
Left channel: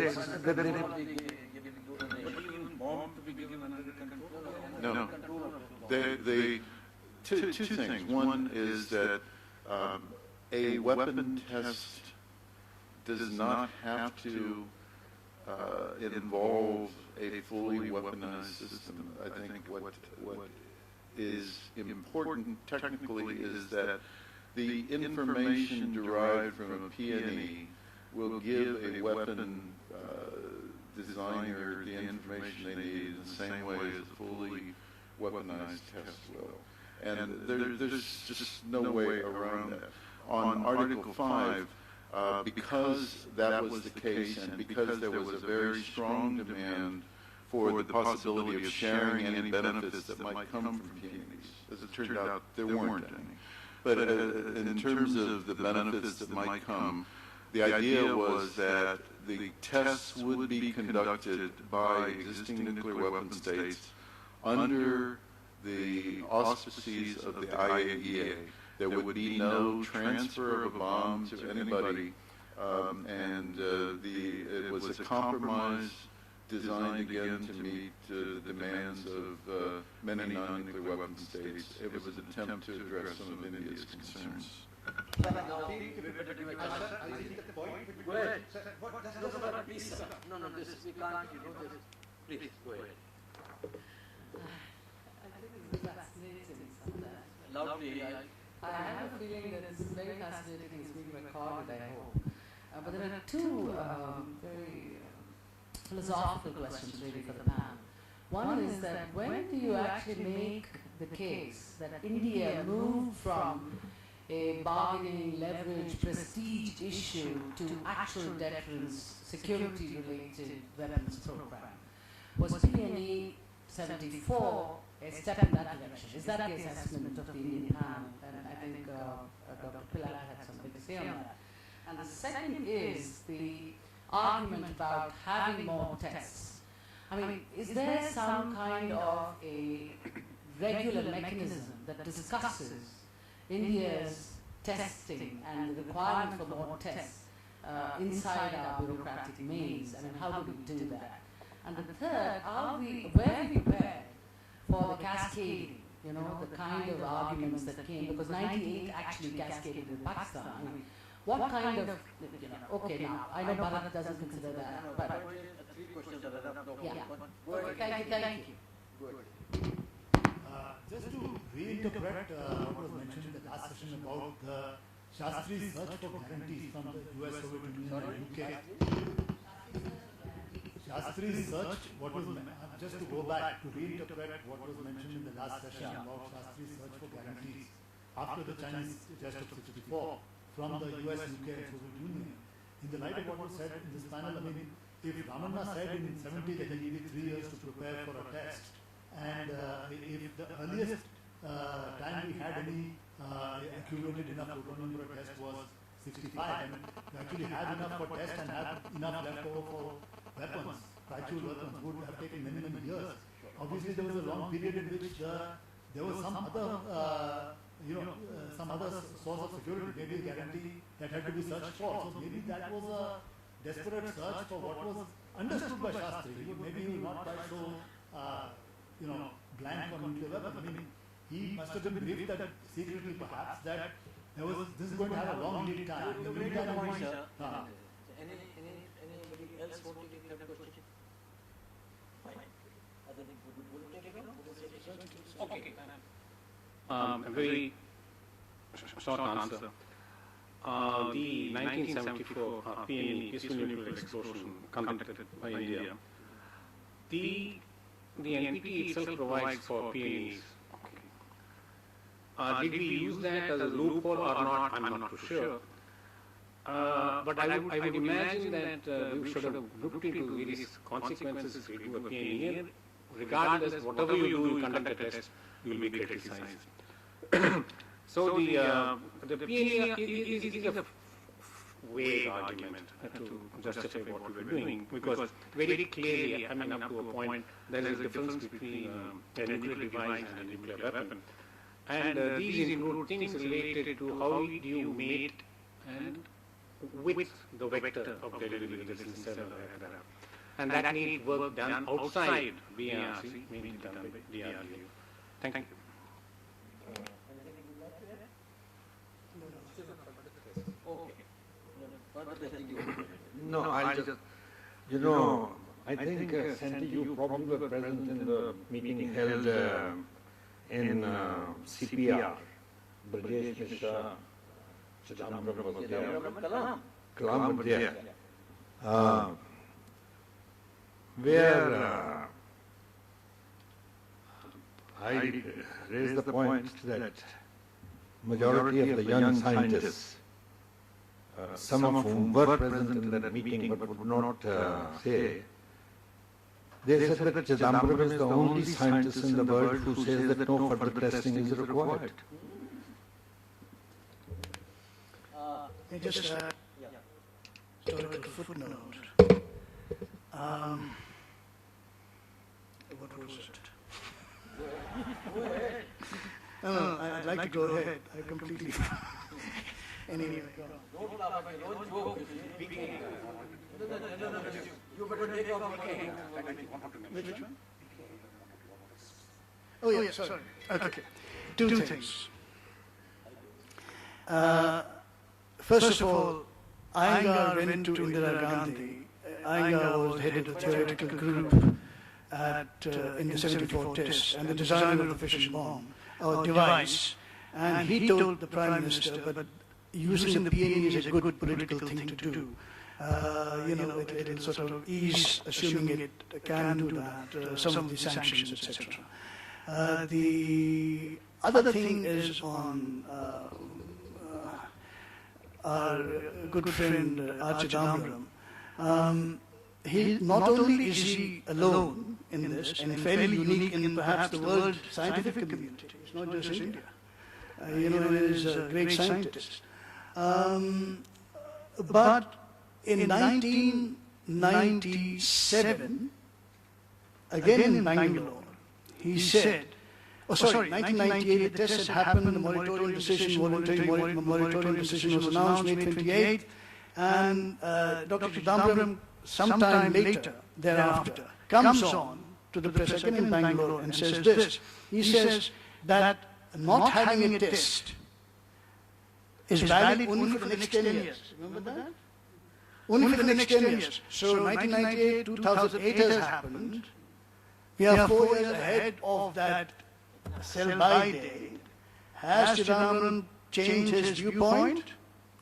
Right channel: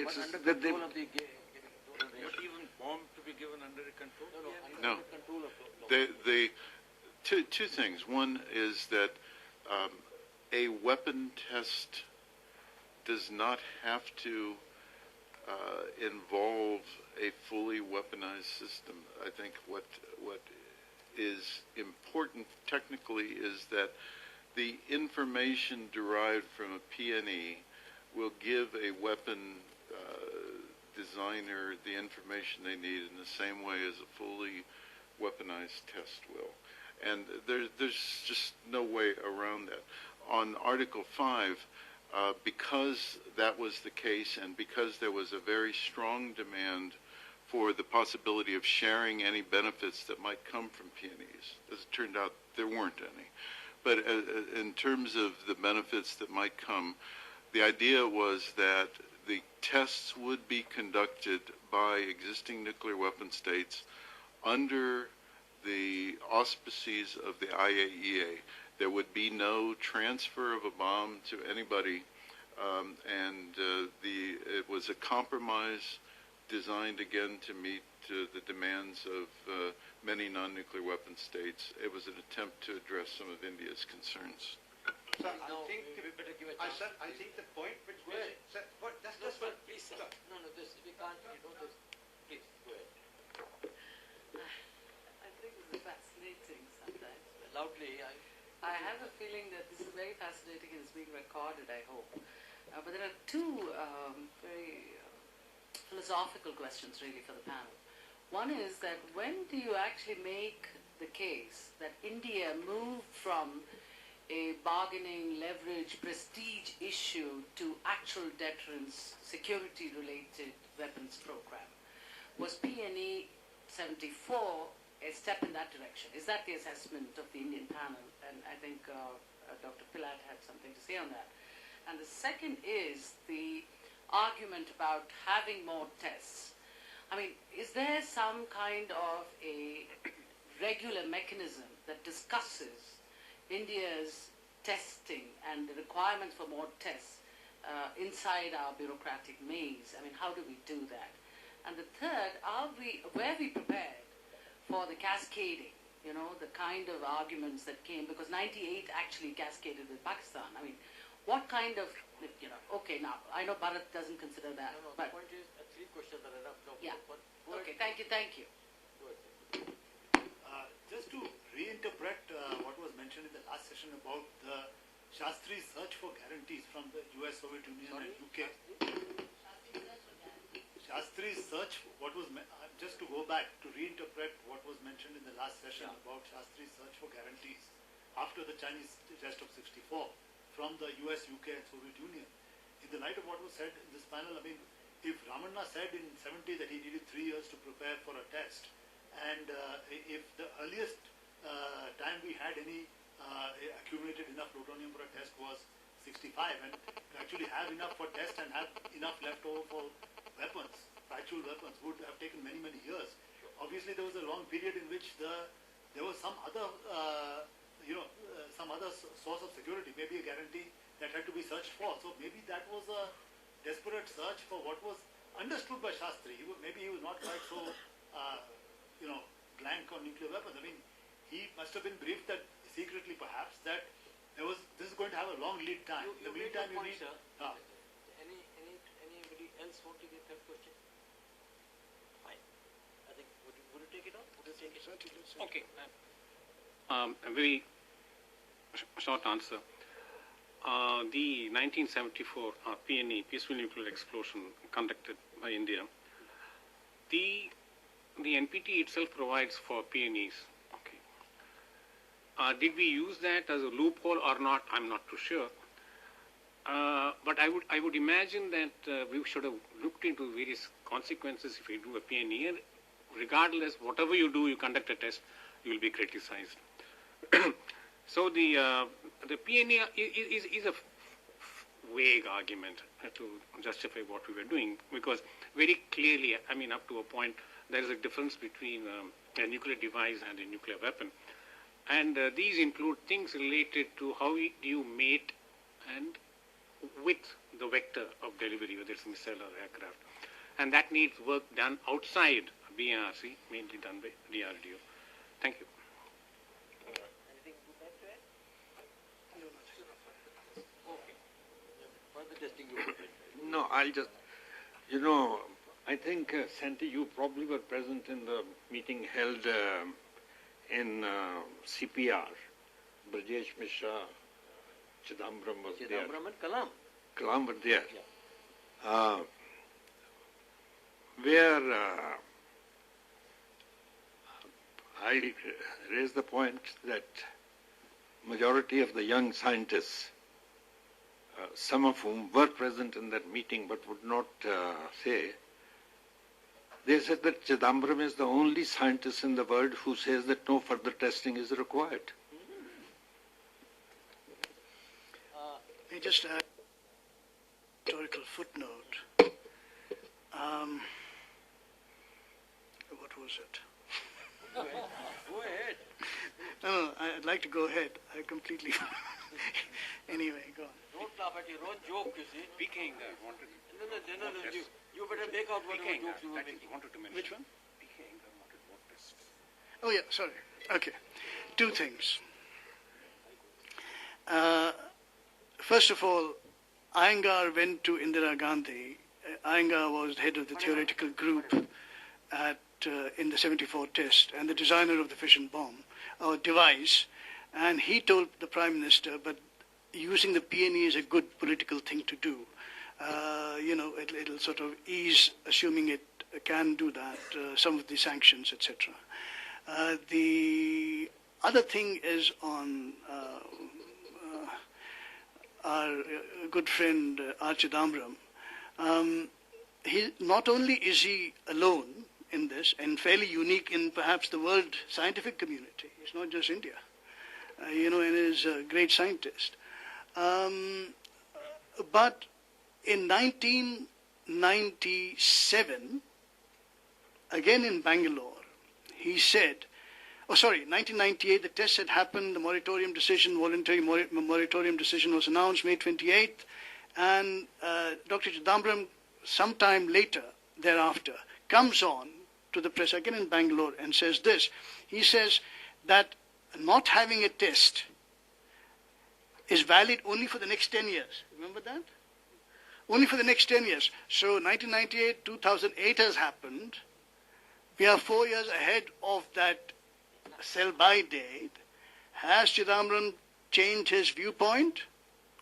Even bomb to be given under control? No. They two things. One is that a weapon test does not have to involve a fully weaponized system. I think what is important technically is that the information derived from a PNE will give a weapon designer the information they need in the same way as a fully weaponized test will. And there's just no way around that. On Article 5, because that was the case and because there was a very strong demand for the possibility of sharing any benefits that might come from PNEs, as it turned out, there weren't any. But in terms of the benefits that might come, the idea was that the tests would be conducted by existing nuclear weapon states under the auspices of the IAEA. There would be no transfer of a bomb to anybody, and it was a compromise designed again to meet the demands of many non-nuclear weapon states. It was an attempt to address some of India's concerns. I think the point. Go ahead. Please, sir. No, this we can't. This. Please go ahead. I think it's fascinating sometimes. Loudly. I have a feeling that this is very fascinating and it's being recorded, I hope. But there are two very philosophical questions really for the panel. One is that when do you actually make the case that India moved from a bargaining, leverage, prestige issue to actual deterrence, security-related weapons program? Was PNE 74 a step in that direction? Is that the assessment of the Indian panel? And I think Dr. Pilat had something to say on that. And the second is the argument about having more tests. I mean, is there some kind of a regular mechanism that discusses India's testing and the requirement for more tests inside our bureaucratic maze? I mean, how do we do that? And the third, were we prepared for the cascading, the kind of arguments that came, because 98 actually cascaded in Pakistan. I mean, what kind of, okay, now, I know Bharat doesn't consider that, but... Three questions are enough. Yeah. Okay, thank you. Just to reinterpret what was mentioned in the last session about the Shastri's search for guarantees from the US, Soviet Union and UK. Shastri's search, just to go back to reinterpret what was mentioned in the last session about Shastri's search for guarantees after the Chinese test of 64 from the US, UK and Soviet Union. In the light of what was said in this panel, I mean, if Ramanna said in 70 that he needed 3 years to prepare for a test, and if the earliest time we had any accumulated enough plutonium for a test was 65, and to actually have enough for test and have enough left over for weapons, actual weapons, would have taken many, many years. Obviously, there was a long period in which there was some other, some other source of security, maybe a guarantee that had to be searched for. So maybe that was a desperate search for what was understood by Shastri. Maybe he was not quite so, blank on nuclear weapons. I mean, he must have been briefed that secretly perhaps that this is going to have a long lead time. In the meantime, Anybody else want to give a question? Fine. I think would you take it on? Okay. A very short answer. The 1974 PNE, Peaceful Nuclear Explosion, conducted by India, the NPT itself provides for PNEs. Okay. Did we use that as a loophole or not? I'm not too sure. But I would imagine that we should have looked into various consequences if you do a PNE, and regardless, whatever you do, you conduct a test, you will be criticized. So the PNE is a vague argument to justify what we were doing, because very clearly, I mean, up to a point, there is a difference between a nuclear device and a nuclear weapon. And these include things related to how do you mate and with the vector of delivery, whether it's inside or aircraft. And that needs work done outside BRC, mainly done by DRDO. Thank you. No, I'll just, I think, Santi, you probably were present in the meeting held in CPR. Brajesh Mishra, Chidambaram was there. Kalam was there. Where I raised the point that majority of the young scientists, some of whom were present in that meeting but would not say, they said that Chidambaram is the only scientist in the world who says that no further testing is required. I just add historical footnote. What was it? No, I'd like to go ahead. I completely. Anyway, go on. Don't laugh at your own joke, you see. Speaking. No, you better make out speaking. Which one? Oh, yeah, sorry. Okay. Two things. First of all, Iyengar went to Indira Gandhi. Iyengar was the head of the theoretical group in the 74 test and the designer of the fission bomb, or device. And he told the Prime Minister, but using the PNE is a good political thing to do. It'll sort of ease, assuming it can do that, some of the sanctions, etc. The other thing is on our good friend Chidambaram. Not only is he alone in this and fairly unique in perhaps the world scientific community, it's not just India. He is a great scientist. But in 1997, again in Bangalore, he said, 1998, the test had happened, the moratorium decision, voluntary moratorium decision was announced May 28, and Dr. Chidambaram, sometime later thereafter, comes on to the press again in Bangalore and says this. He says that not having a test is valid only for the next 10 years. Remember that? Only for the next 10 years. So 1998, 2008 has happened. We are 4 years ahead of that sell-by date. Has Chidambaram changed his viewpoint?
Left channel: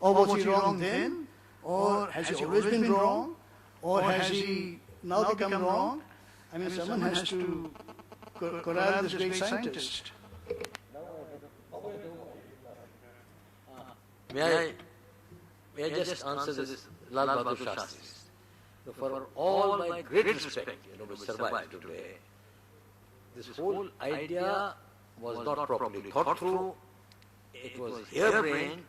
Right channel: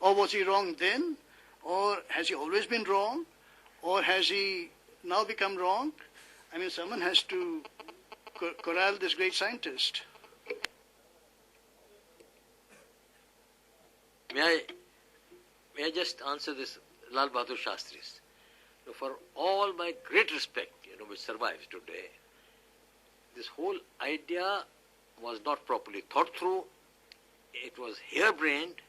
Or was he wrong then? Or has he always been wrong? Or has he now become wrong? I mean, someone has to corral this great scientist. May I just answer this, Lal Bahadur Shastris? For all my great respect, which survives today, this whole idea was not properly thought through. It was harebrained.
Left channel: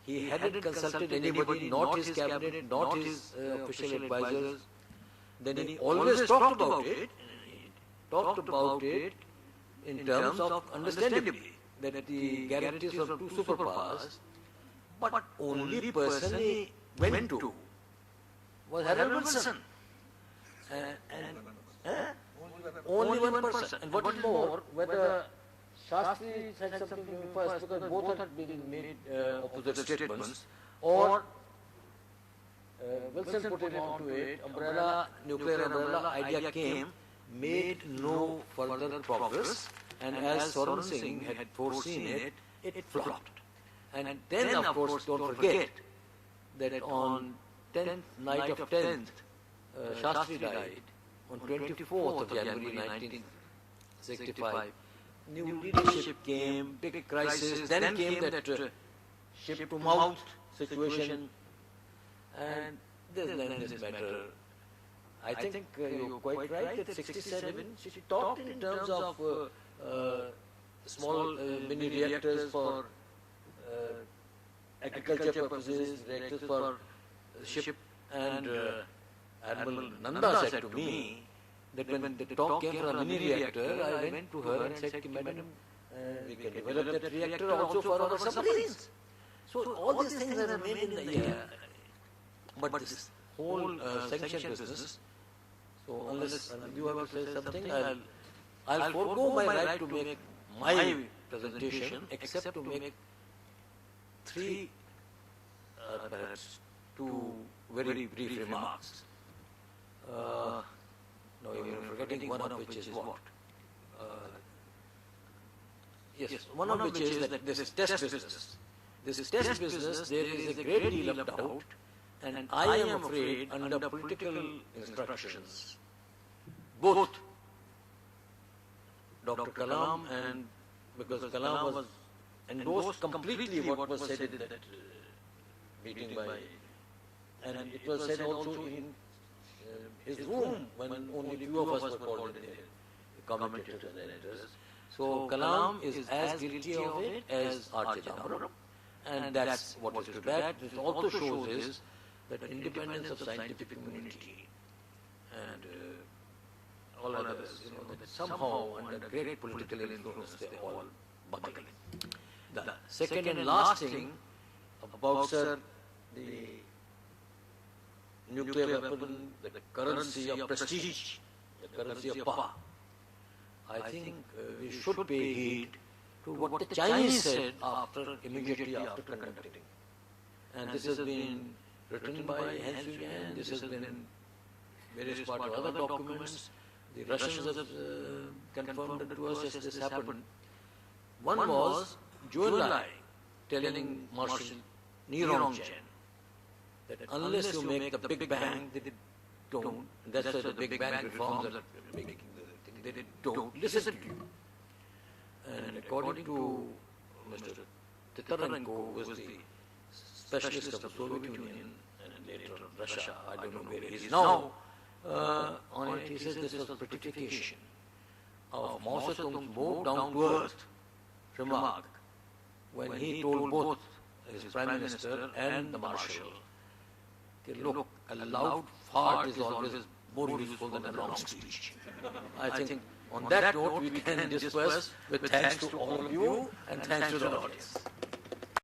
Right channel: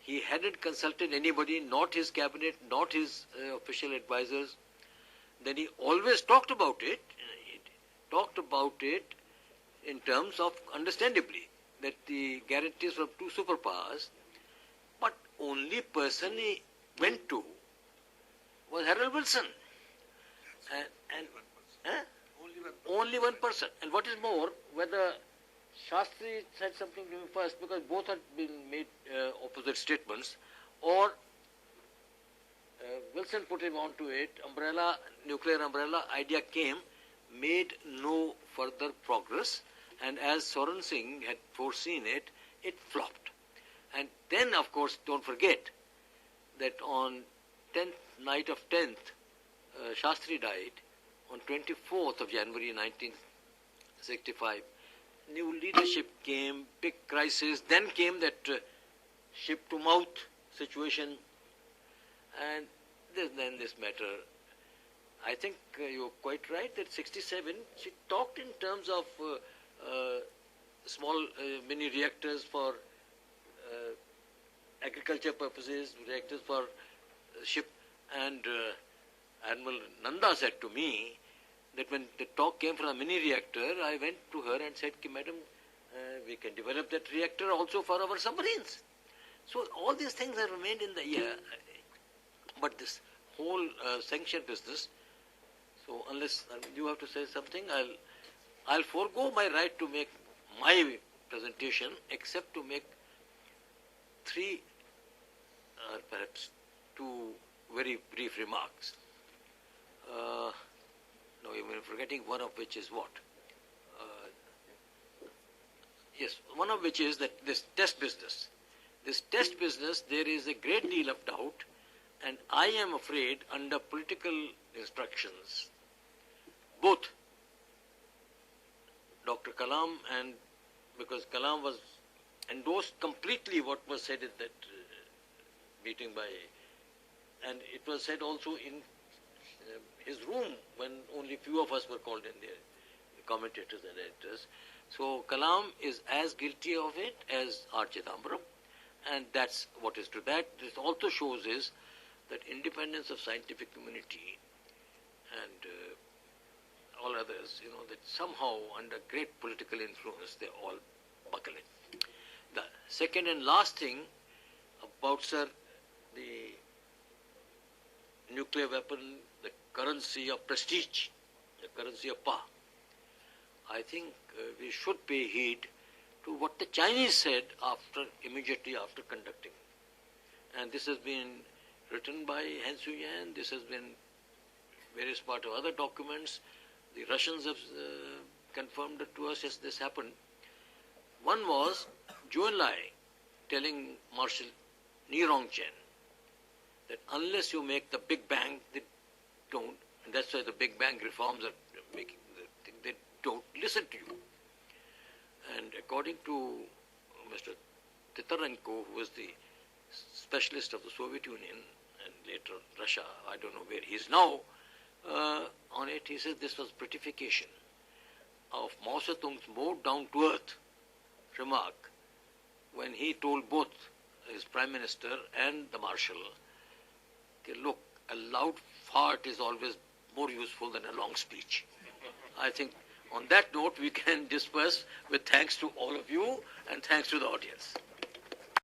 He hadn't consulted anybody, not his cabinet, not his official advisors. Then he always talked about it. He talked about it in terms of understandably that the guarantees of two superpowers. But only person he went to was Harold Wilson. Only one person. And what is more, whether Shastri said something to him first, because both had been made opposite statements, or Wilson put him onto it, nuclear umbrella idea came, made no further progress, and as Soran Singh had foreseen it, it flopped. And then, of course, don't forget that on 10th night of 10th, Shastri died. On 24th of January 1965, new leadership came, big crisis. Then came that ship to mouth situation, and then this matter. I think you're quite right that 67, she talked in terms of small mini reactors for agriculture purposes, reactors for ship, and Admiral Nanda said to me that when the talk came from a mini reactor, I went to her and said, Madam, we can develop that reactor also for our submarines. So all these things are remained in the air. But this whole sanction business, so unless you have to say something, I'll forego my right to make my presentation, except to make three, perhaps two very brief remarks. Now I'm forgetting one of which is what? Yes, one of which is that this test business. This test business, there is a great deal of doubt, and I am afraid under political instructions, both Dr. Kalam and, because Kalam was endorsed completely what was said in that meeting by, and it was said also in his room when only few of us were called in there, commentators and editors. So Kalam is as guilty of it as R. Chidambaram, And that's what is too bad. It also shows is that independence of scientific community and all others, that somehow under great political influence they're all buckling. The second and last thing about, sir, the nuclear weapon, the currency of prestige, the currency of power. I think we should pay heed to what the Chinese said immediately after conducting. And this has been written by Han Suyan, this has been various part of other documents. The Russians have confirmed it to us as this happened. One was Zhou Enlai telling Marshal Ni-Rong-Chen that unless you make the Big Bang, they don't. And that's why the Big Bang reforms are making the thing. They don't listen to you. And according to Mr. Titarenko, who was the specialist of the Soviet Union and later Russia, I don't know where he is now, on it he says this was a prettification of Mao Zedong's more down-to-earth remark when he told both his Prime Minister and the Marshal, look, a loud fart is always more useful than a long speech. I think on that note we can disperse with thanks to all of you and thanks to the audience.